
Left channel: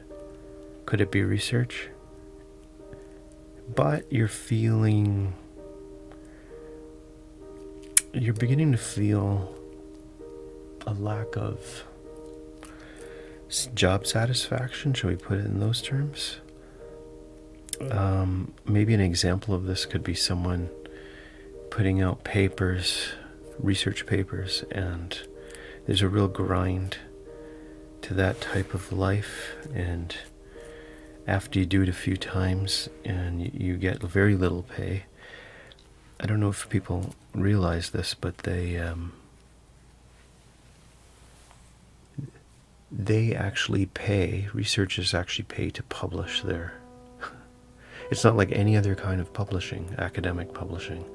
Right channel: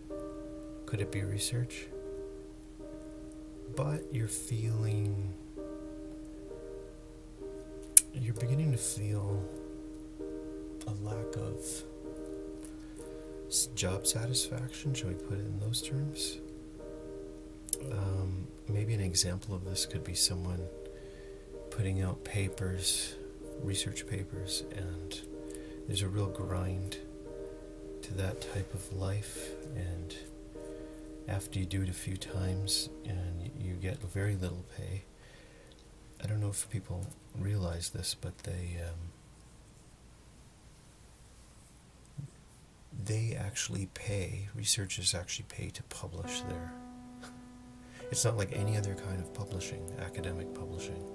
Could it be research? But you're beginning to feel a lack of job satisfaction, shall we put it in those terms? Maybe an example of this could be someone putting out papers, research papers, and there's a real grind to that type of life, and after you do it a few times and you get very little pay. I don't know if people realize this, but they actually pay, researchers actually pay to publish their It's not like any other kind of publishing, academic publishing.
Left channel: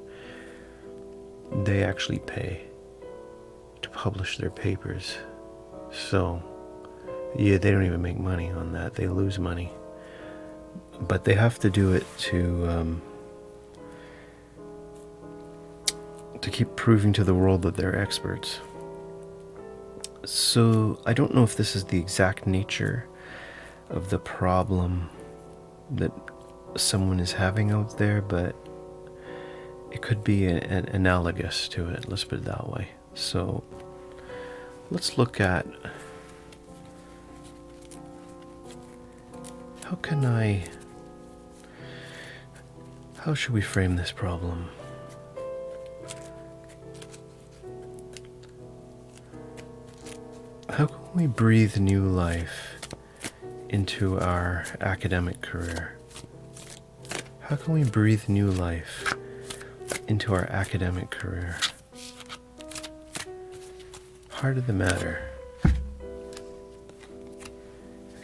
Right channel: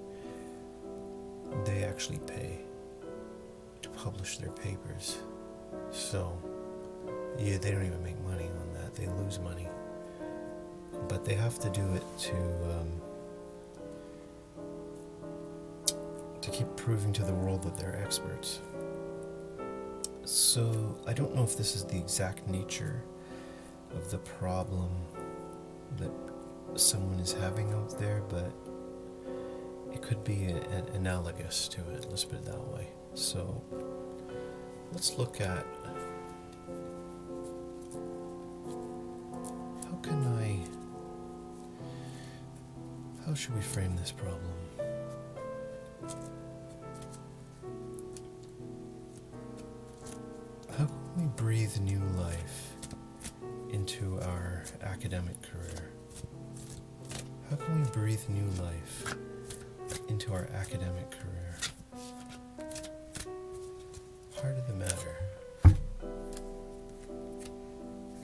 They actually pay to publish their papers. So, yeah, they don't even make money on that. They lose money. But they have to do it to keep proving to the world that they're experts. So I don't know if this is the exact nature of the problem that someone is having out there, but it could be an analogous to it, let's put it that way. So let's look at how should we frame this problem? How can we breathe new life into our academic career? How can we breathe new life into our academic career? Heart of the matter. The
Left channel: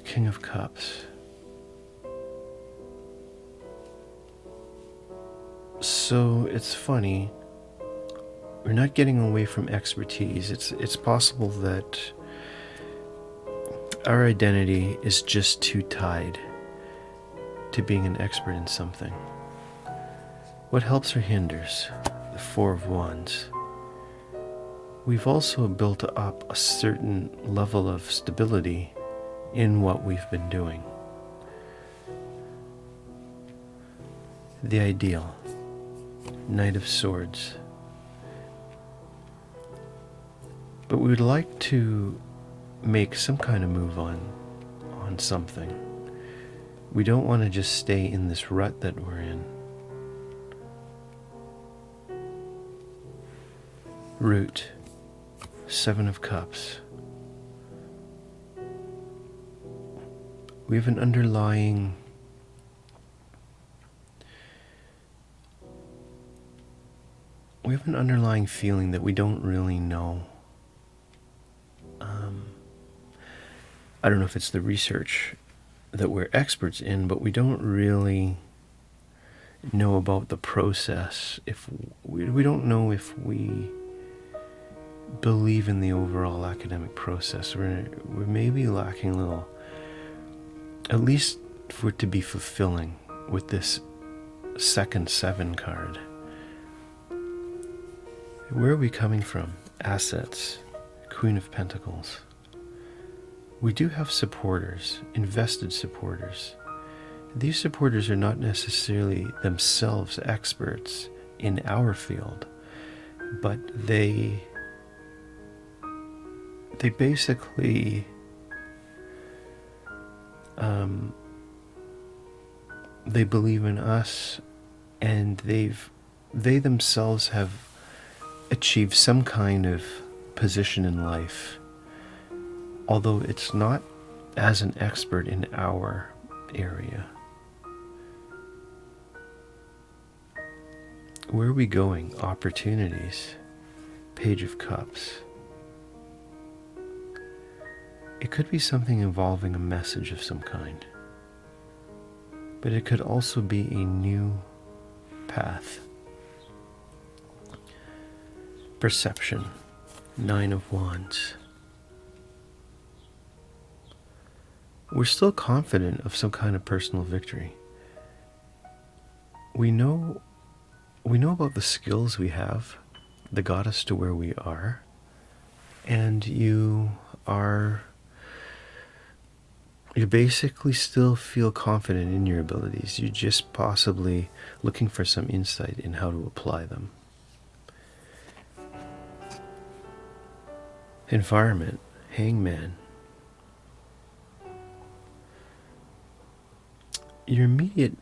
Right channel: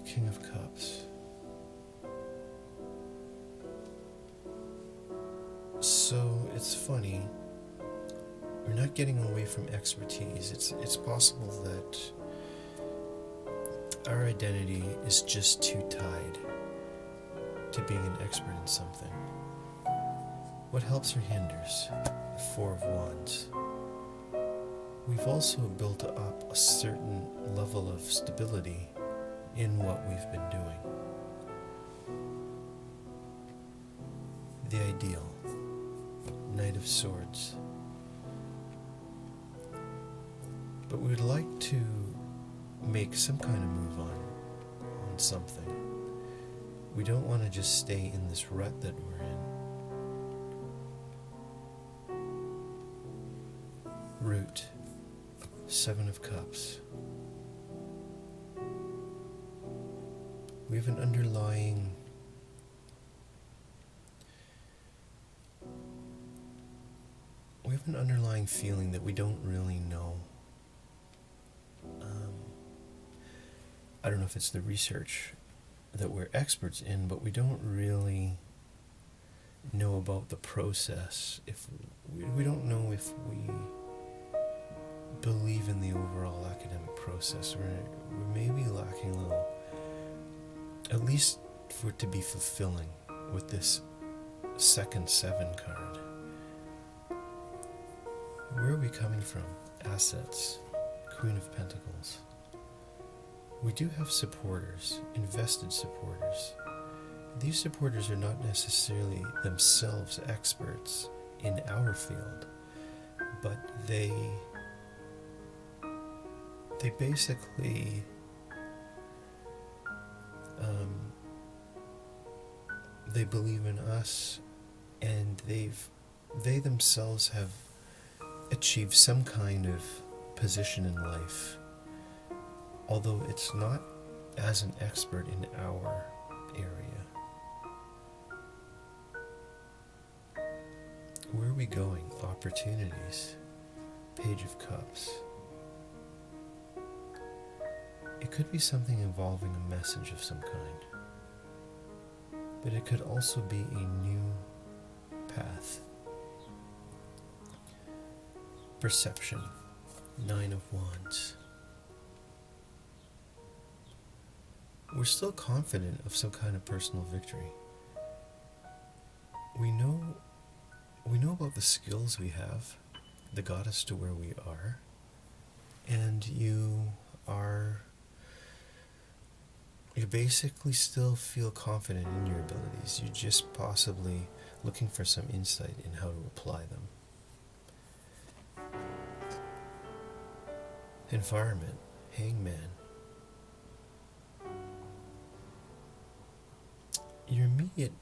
King of Cups. So it's funny, we're not getting away from expertise. It's possible that our identity is just too tied to being an expert in something. What helps or hinders? The Four of Wands. We've also built up a certain level of stability in what we've been doing. The Ideal. Knight of Swords. But we would like to make some kind of move on something. We don't want to just stay in this rut that we're in. Root. Seven of Cups. We have an underlying feeling that we don't really know. I don't know if it's the research that we're experts in, but we don't really know about the process. If we don't know if we believe in the overall academic process. We're maybe lacking a little, at least for it to be fulfilling with this second 7 card. Where are we coming from? Assets. Queen of Pentacles. We do have supporters, invested supporters. These supporters are not necessarily themselves experts in our field, but they basically they believe in us, and they themselves have achieved some kind of position in life, although it's not as an expert in our area. Where are we going? Opportunities. Page of Cups. It could be something involving a message of some kind, but it could also be a new path. Perception. 9 of Wands. We're still confident of some kind of personal victory. We know about the skills we have that got us to where we are, and you basically still feel confident in your abilities. You're just possibly looking for some insight in how to apply them. Environment. Hangman. Your immediate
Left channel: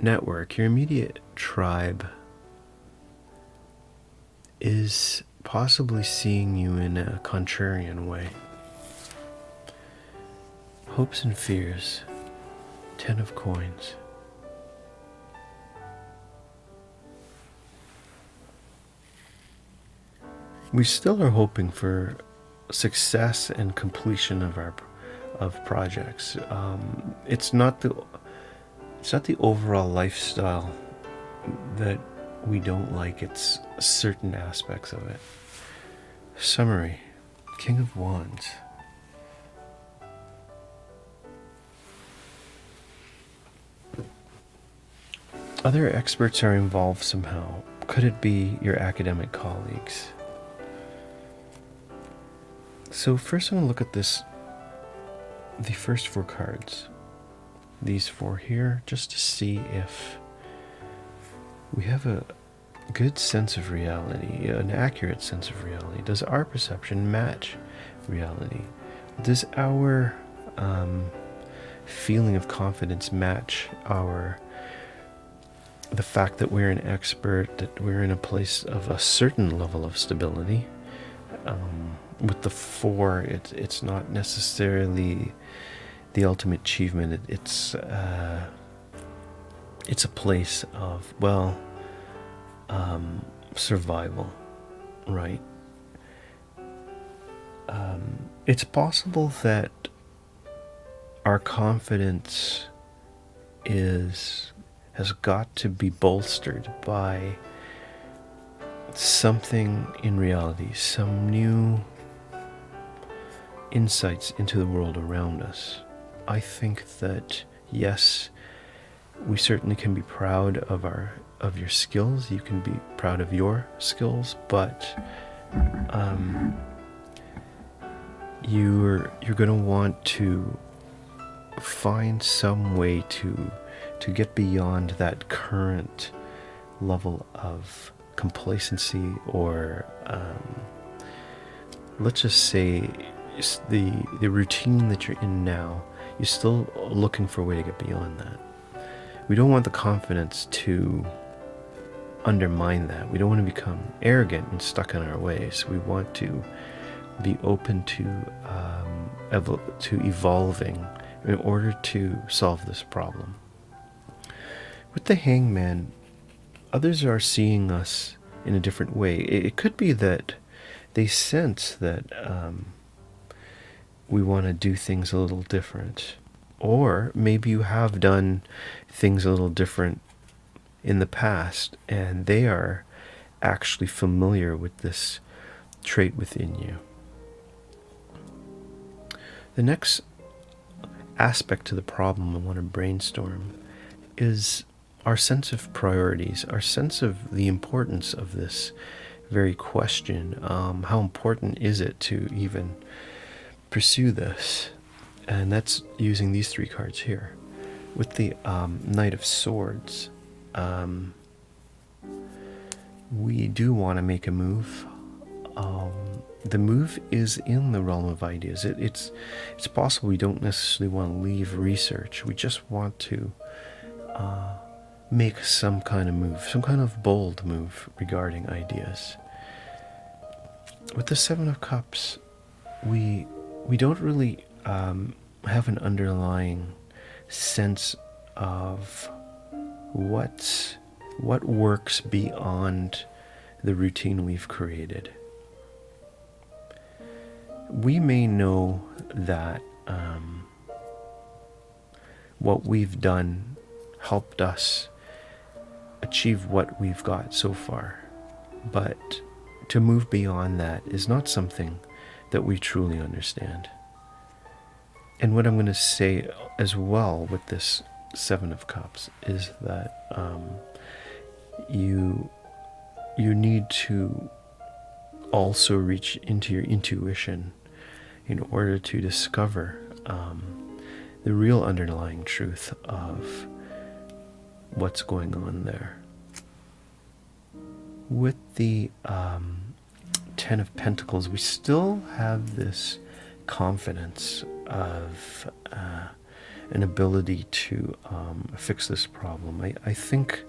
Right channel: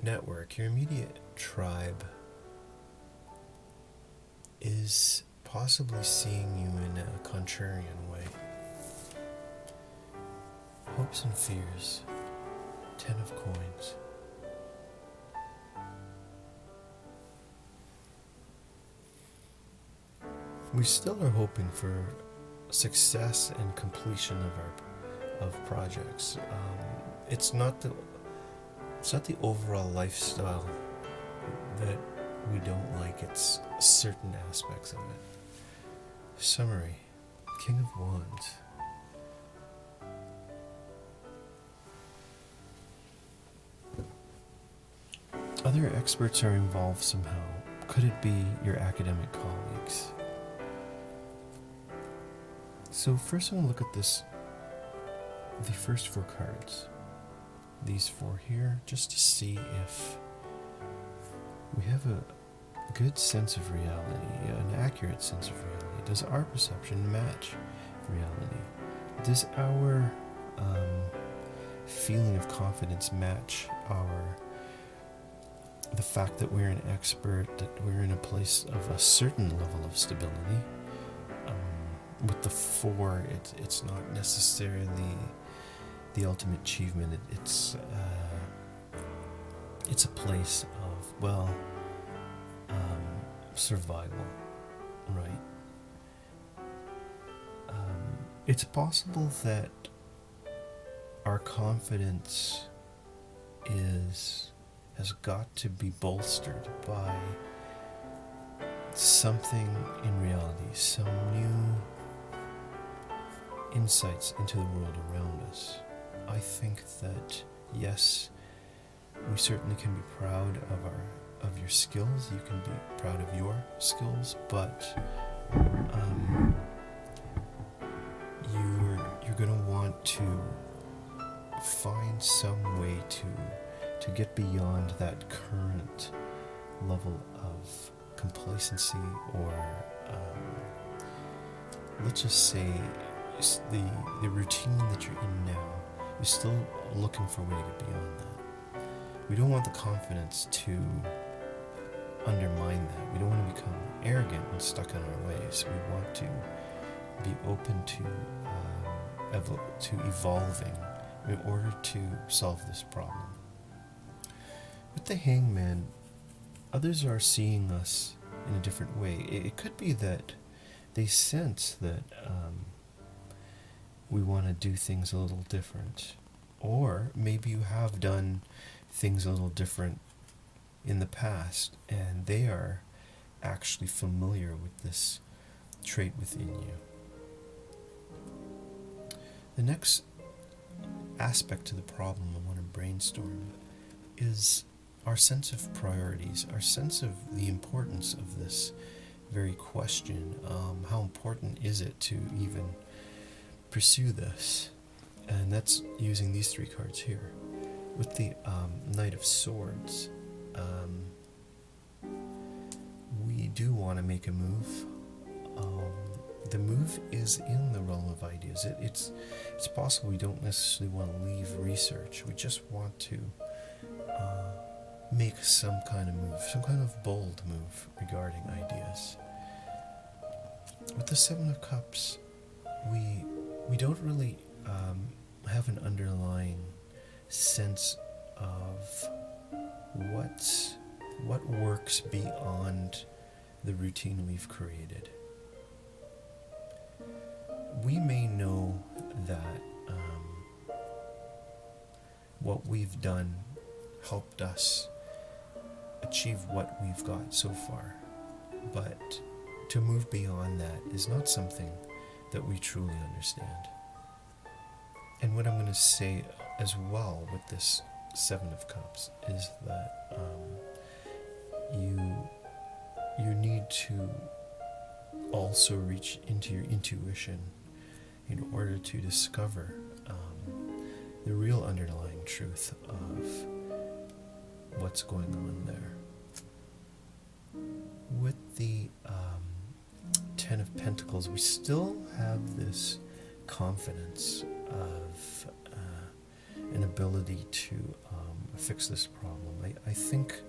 network, your immediate tribe is possibly seeing you in a contrarian way. Hopes and fears. 10 of Coins. We still are hoping for success and completion of projects. It's not It's not the overall lifestyle that we don't like, it's certain aspects of it. Summary. King of Wands. Other experts are involved somehow. Could it be your academic colleagues? So first I'm going to look at the first 4 cards. These 4 here, just to see if we have a good sense of reality, an accurate sense of reality. Does our perception match reality? Does our feeling of confidence match the fact that we're an expert, that we're in a place of a certain level of stability? With the 4, it's not necessarily the ultimate achievement. It's a place of, well, survival, right? It's possible that our confidence has got to be bolstered by something in reality, some new insights into the world around us. I think that, yes, we certainly can be proud of your skills. You can be proud of your skills, but you're going to want to find some way to get beyond that current level of complacency, or let's just say the routine that you're in now. You're still looking for a way to get beyond that. We don't want the confidence to undermine that. We don't want to become arrogant and stuck in our ways. We want to be open to evolving in order to solve this problem. With the Hangman, others are seeing us in a different way. It could be that they sense that we want to do things a little different. Or maybe you have done things a little different in the past, and they are actually familiar with this trait within you. The next aspect to the problem I want to brainstorm is our sense of priorities, our sense of the importance of this very question. How important is it to even pursue this? And that's using these 3 cards here. With the Knight of Swords, we do want to make a move. The move is in the realm of ideas. It's possible we don't necessarily want to leave research. We just want to make some kind of move, some kind of bold move regarding ideas. With the 7 of Cups, we don't really have an underlying sense of what works beyond the routine we've created. We may know that what we've done helped us achieve what we've got so far, but to move beyond that is not something that we truly understand. And what I'm going to say as well with this 7 of Cups is that you need to also reach into your intuition in order to discover the real underlying truth of what's going on there. With the 10 of Pentacles, we still have this confidence of an ability to fix this problem. I think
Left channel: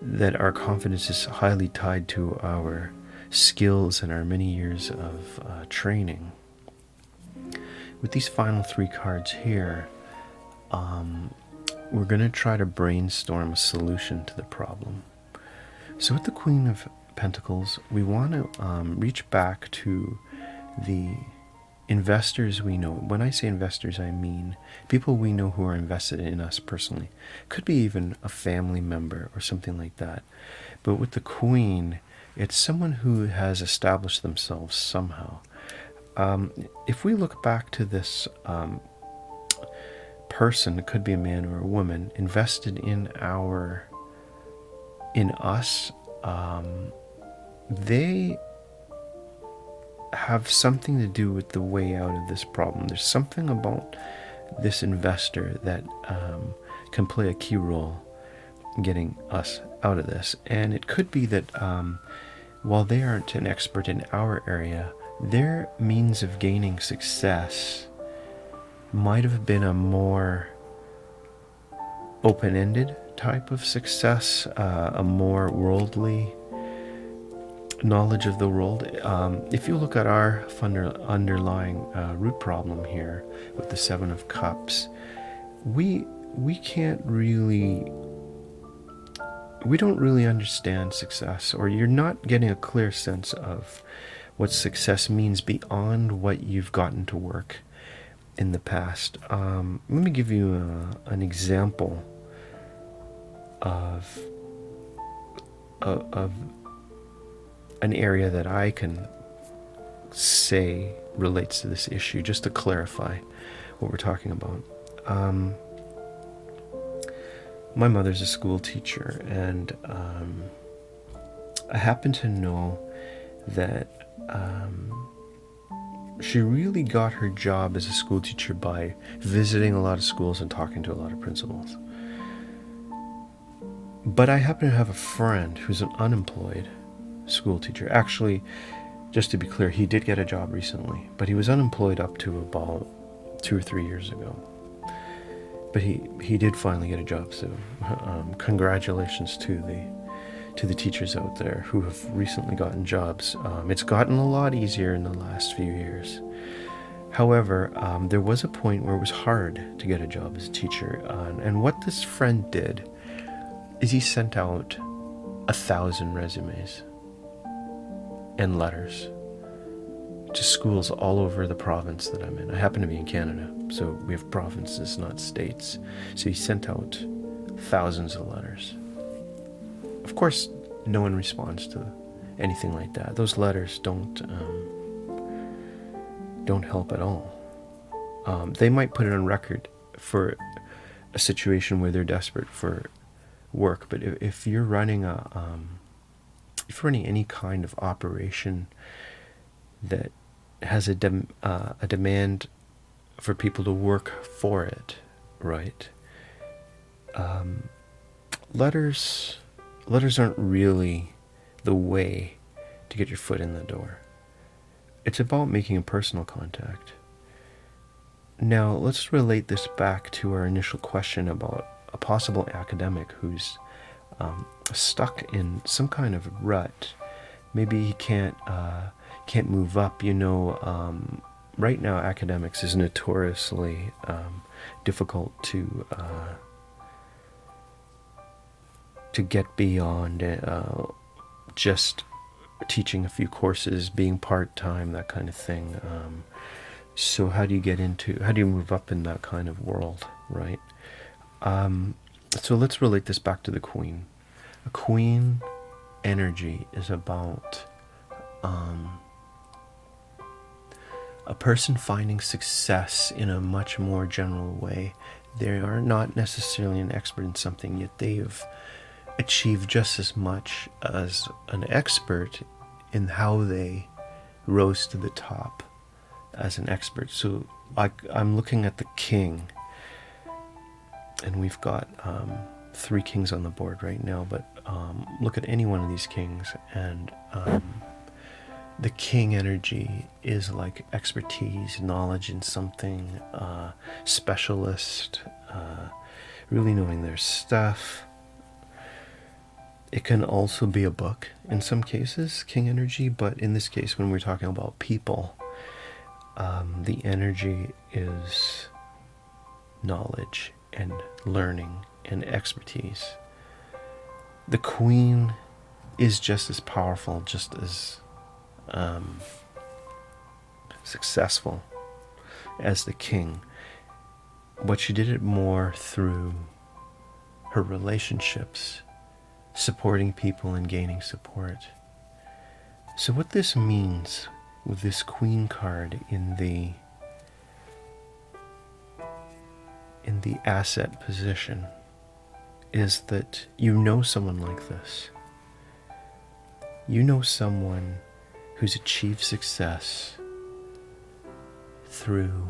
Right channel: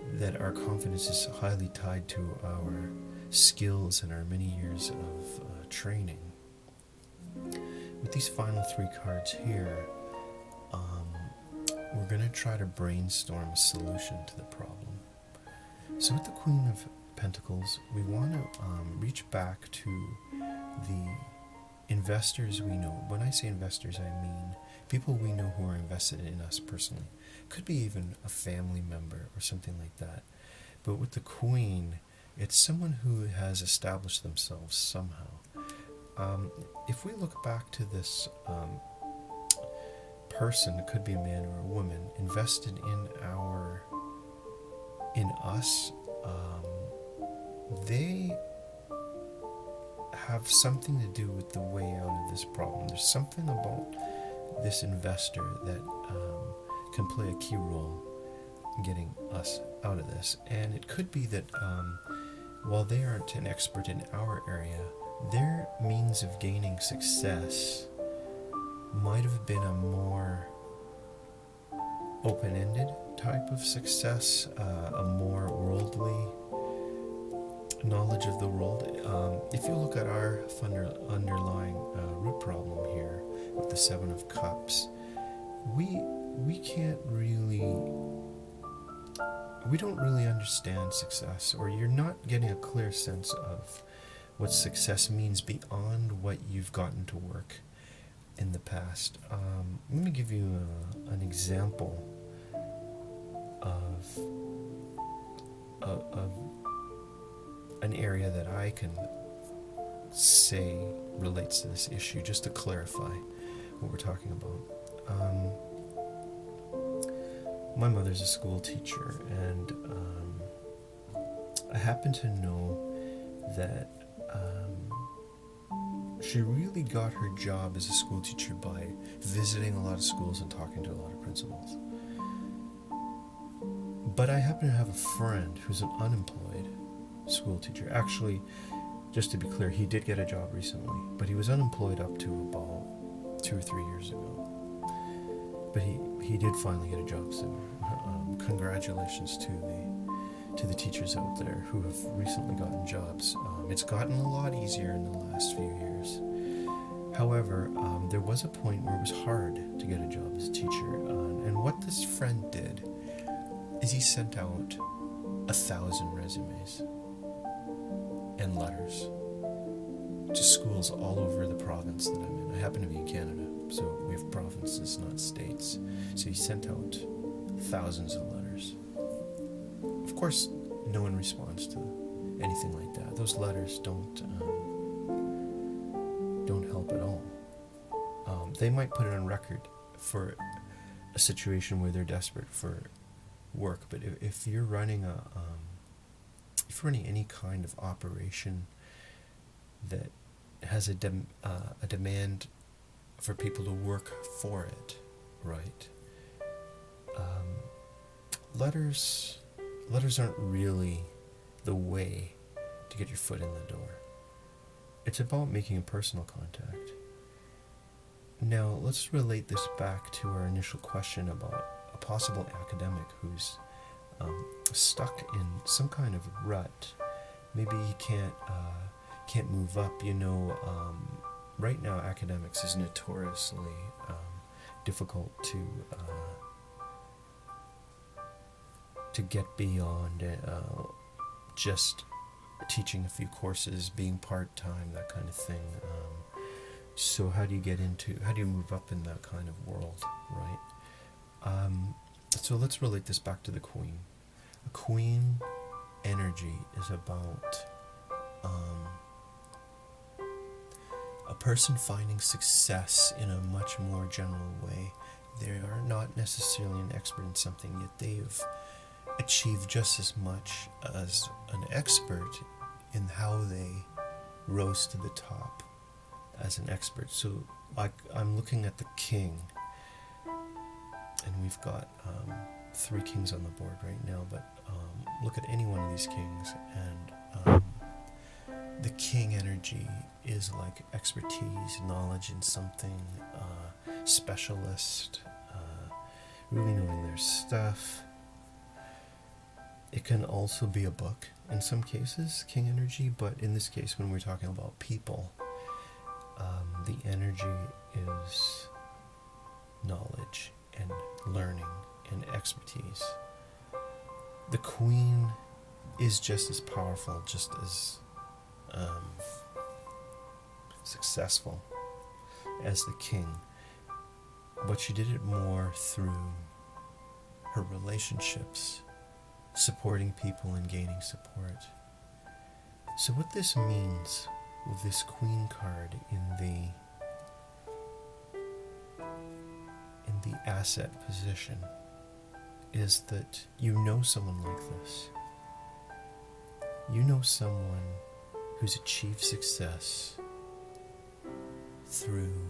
that our confidence is highly tied to our skills and our many years of training. With these final 3 cards here, we're going to try to brainstorm a solution to the problem. So with the Queen of Pentacles, we want to reach back to the investors we know, when I say investors, I mean people we know who are invested in us personally. Could be even a family member or something like that. But with the Queen, it's someone who has established themselves somehow. If we look back to this person, it could be a man or a woman, invested in us, they have something to do with the way out of this problem. There's something about this investor that can play a key role in getting us out of this. And it could be that while they aren't an expert in our area, their means of gaining success might have been a more open-ended type of success, a more worldly knowledge of the world. If you look at our underlying root problem here with the Seven of Cups, we don't really understand success, or you're not getting a clear sense of what success means beyond what you've gotten to work in the past. Let me give you an example of an area that I can say relates to this issue, just to clarify what we're talking about. My mother's a school teacher, and I happen to know that she really got her job as a school teacher by visiting a lot of schools and talking to a lot of principals. But I happen to have a friend who's an unemployed school teacher. Actually, just to be clear, he did get a job recently, but he was unemployed up to about 2 or 3 years ago. But he did finally get a job, so congratulations to the teachers out there who have recently gotten jobs. It's gotten a lot easier in the last few years. However, there was a point where it was hard to get a job as a teacher, and what this friend did is he sent out 1,000 resumes and letters to schools all over the province that I'm in. I happen to be in Canada, so we have provinces, not states. So he sent out thousands of letters. Of course, no one responds to anything like that. Those letters don't help at all. They might put it on record for a situation where they're desperate for work, but if you're running any kind of operation that has a demand for people to work for it, right? Letters aren't really the way to get your foot in the door. It's about making a personal contact. Now, let's relate this back to our initial question about a possible academic who's stuck in some kind of rut. Maybe he can't move up. Right now academics is notoriously difficult to get beyond just teaching a few courses, being part-time, that kind of thing. So how do you move up in that kind of world, right? So let's relate this back to the Queen. A Queen energy is about a person finding success in a much more general way. They are not necessarily an expert in something, yet they've achieved just as much as an expert in how they rose to the top as an expert. So I'm looking at the king, and we've got 3 kings on the board right now, but look at any one of these kings, and the king energy is like expertise, knowledge in something, specialist, really knowing their stuff. It can also be a book in some cases, king energy, but in this case, when we're talking about people, the energy is knowledge and learning and expertise. The Queen is just as powerful, just as successful as the king, but she did it more through her relationships, supporting people and gaining support. So what this means with this Queen card in the asset position is that you know someone like this. You know someone who's achieved success through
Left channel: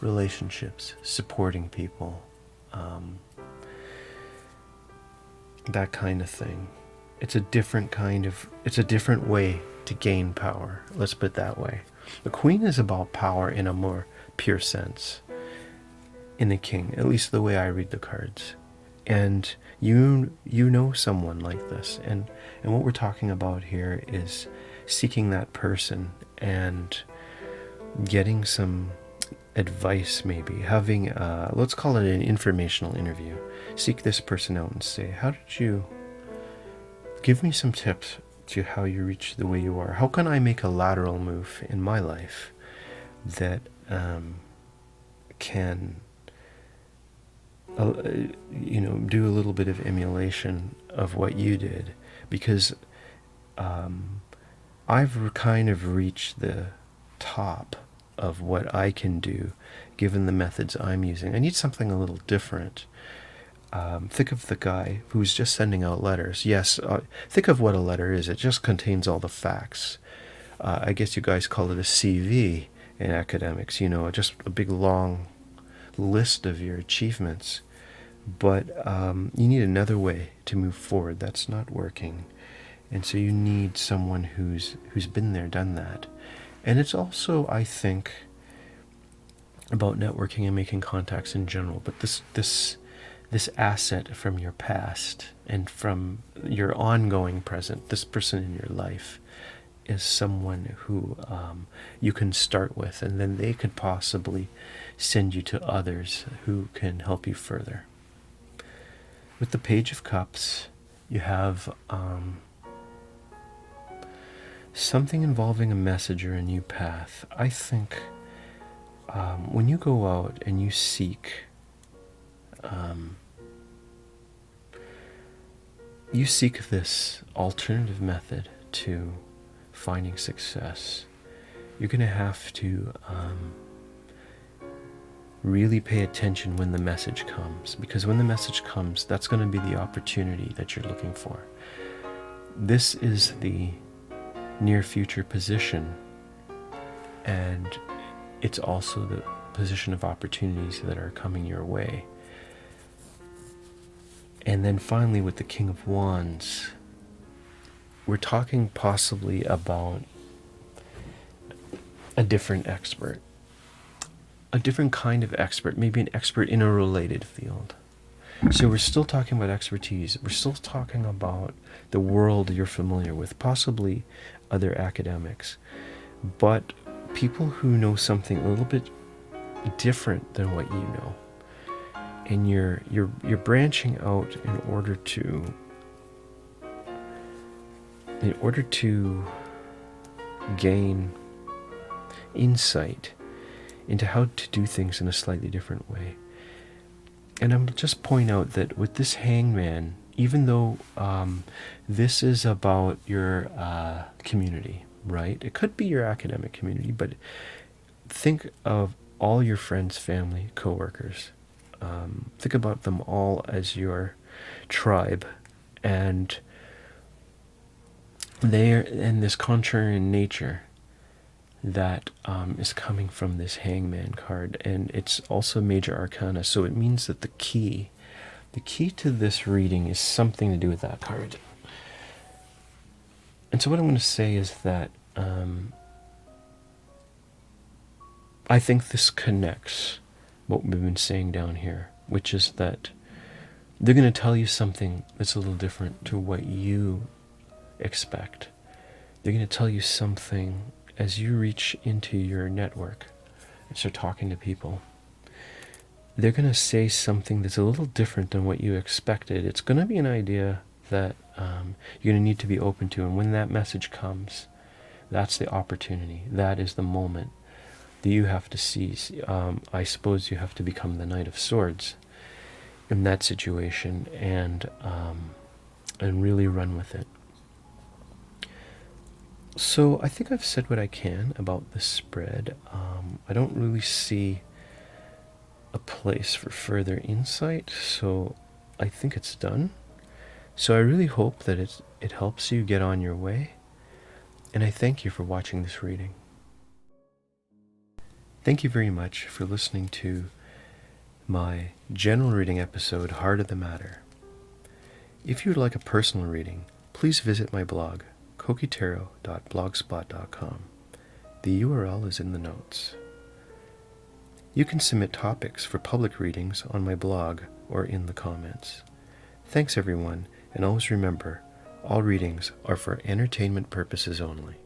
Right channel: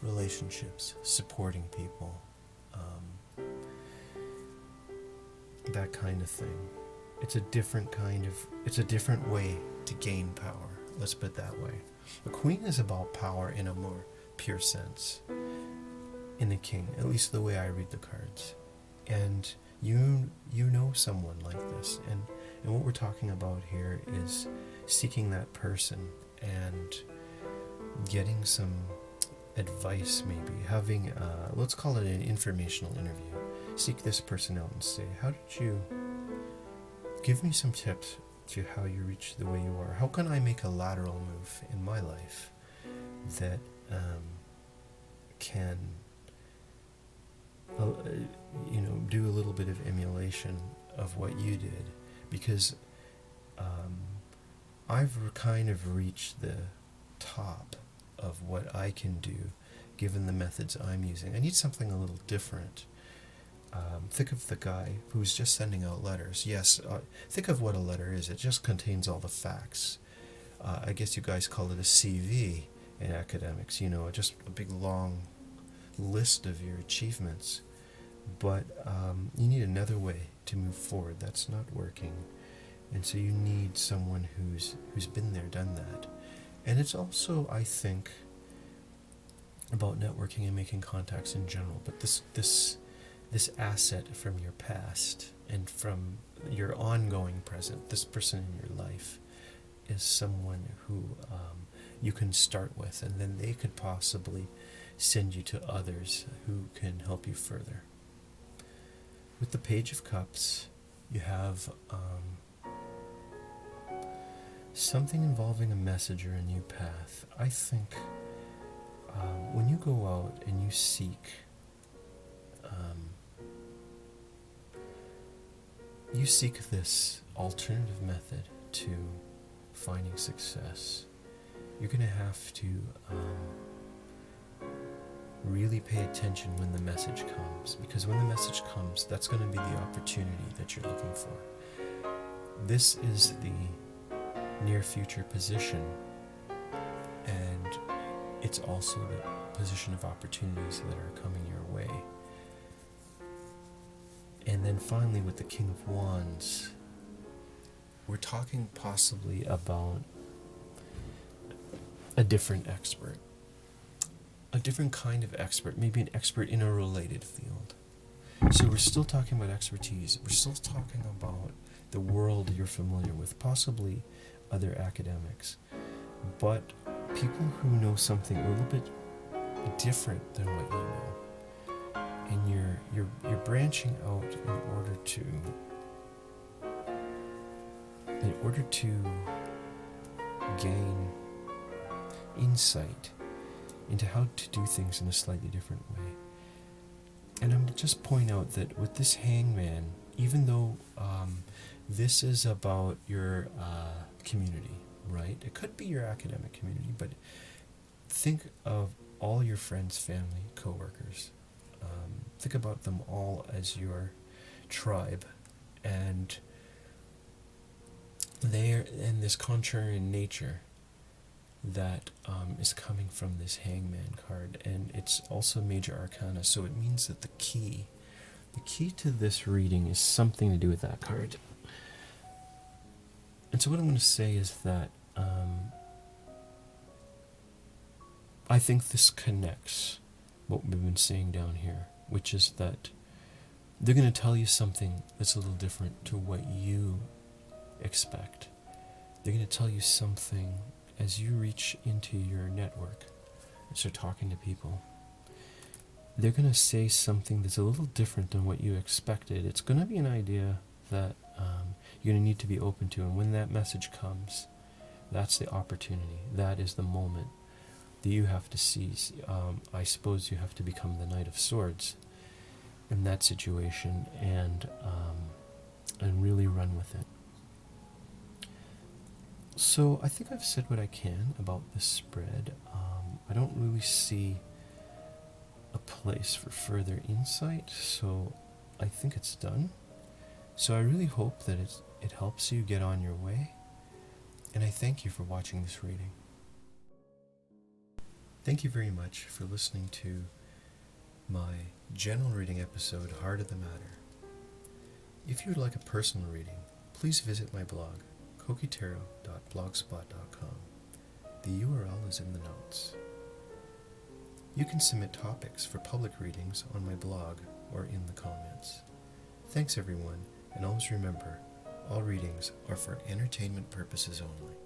relationships, supporting people, that kind of thing. It's a different way to gain power. Let's put it that way. The Queen is about power in a more pure sense in the King, at least the way I read the cards. And you know someone like this, and what we're talking about here is seeking that person and getting some advice, maybe having let's call it an informational interview. Seek this person out and say, how did you give me some tips to how you reach the way you are? How can I make a lateral move in my life that can do a little bit of emulation of what you did? Because I've kind of reached the top of what I can do given the methods I'm using. I need something a little different. Think of the guy who's just sending out letters. Yes, think of what a letter is. It just contains all the facts. I guess you guys call it a CV in academics, just a big long list of your achievements. But you need another way to move forward. That's not working. And so you need someone who's been there, done that. And it's also, I think, about networking and making contacts in general. But this asset from your past and from your ongoing present, this person in your life is someone who you can start with, and then they could possibly send you to others who can help you further. With the Page of Cups, you have something involving a message or a new path. I think when you go out and you seek this alternative method to finding success, you're going to have to really pay attention when the message comes, because when the message comes, that's going to be the opportunity that you're looking for. This is the near future position, and it's also the position of opportunities that are coming your way. And then finally, with the King of Wands, we're talking possibly about a different expert, a different kind of expert, maybe an expert in a related field. So we're still talking about expertise. We're still talking about the world you're familiar with, possibly other academics, but people who know something a little bit different than what you know. And you're branching out in order to gain insight into how to do things in a slightly different way. And I'm just point out that with this Hangman, even though this is about your community, right? It could be your academic community, but think of all your friends, family, co-workers. Think about them all as your tribe, and they're in this contrarian nature that is coming from this Hangman card, and it's also major arcana, so it means that the key to this reading is something to do with that card. And so what I'm going to say is that I think this connects what we've been saying down here, which is that they're going to tell you something that's a little different to what you expect. They're going to tell you something as you reach into your network and start talking to people. They're going to say something that's a little different than what you expected. It's going to be an idea that you're going to need to be open to, and when that message comes, that's the opportunity. That is the moment that you have to seize. I suppose you have to become the Knight of Swords in that situation and really run with it. So I think I've said what I can about this spread. I don't really see a place for further insight, so I think it's done. So I really hope that it helps you get on your way, and I thank you for watching this reading. Thank you very much for listening to my general reading episode, Heart of the Matter. If you would like a personal reading, please visit my blog, kokitaro.blogspot.com. The URL is in the notes. You can submit topics for public readings on my blog or in the comments. Thanks everyone, and always remember, all readings are for entertainment purposes only.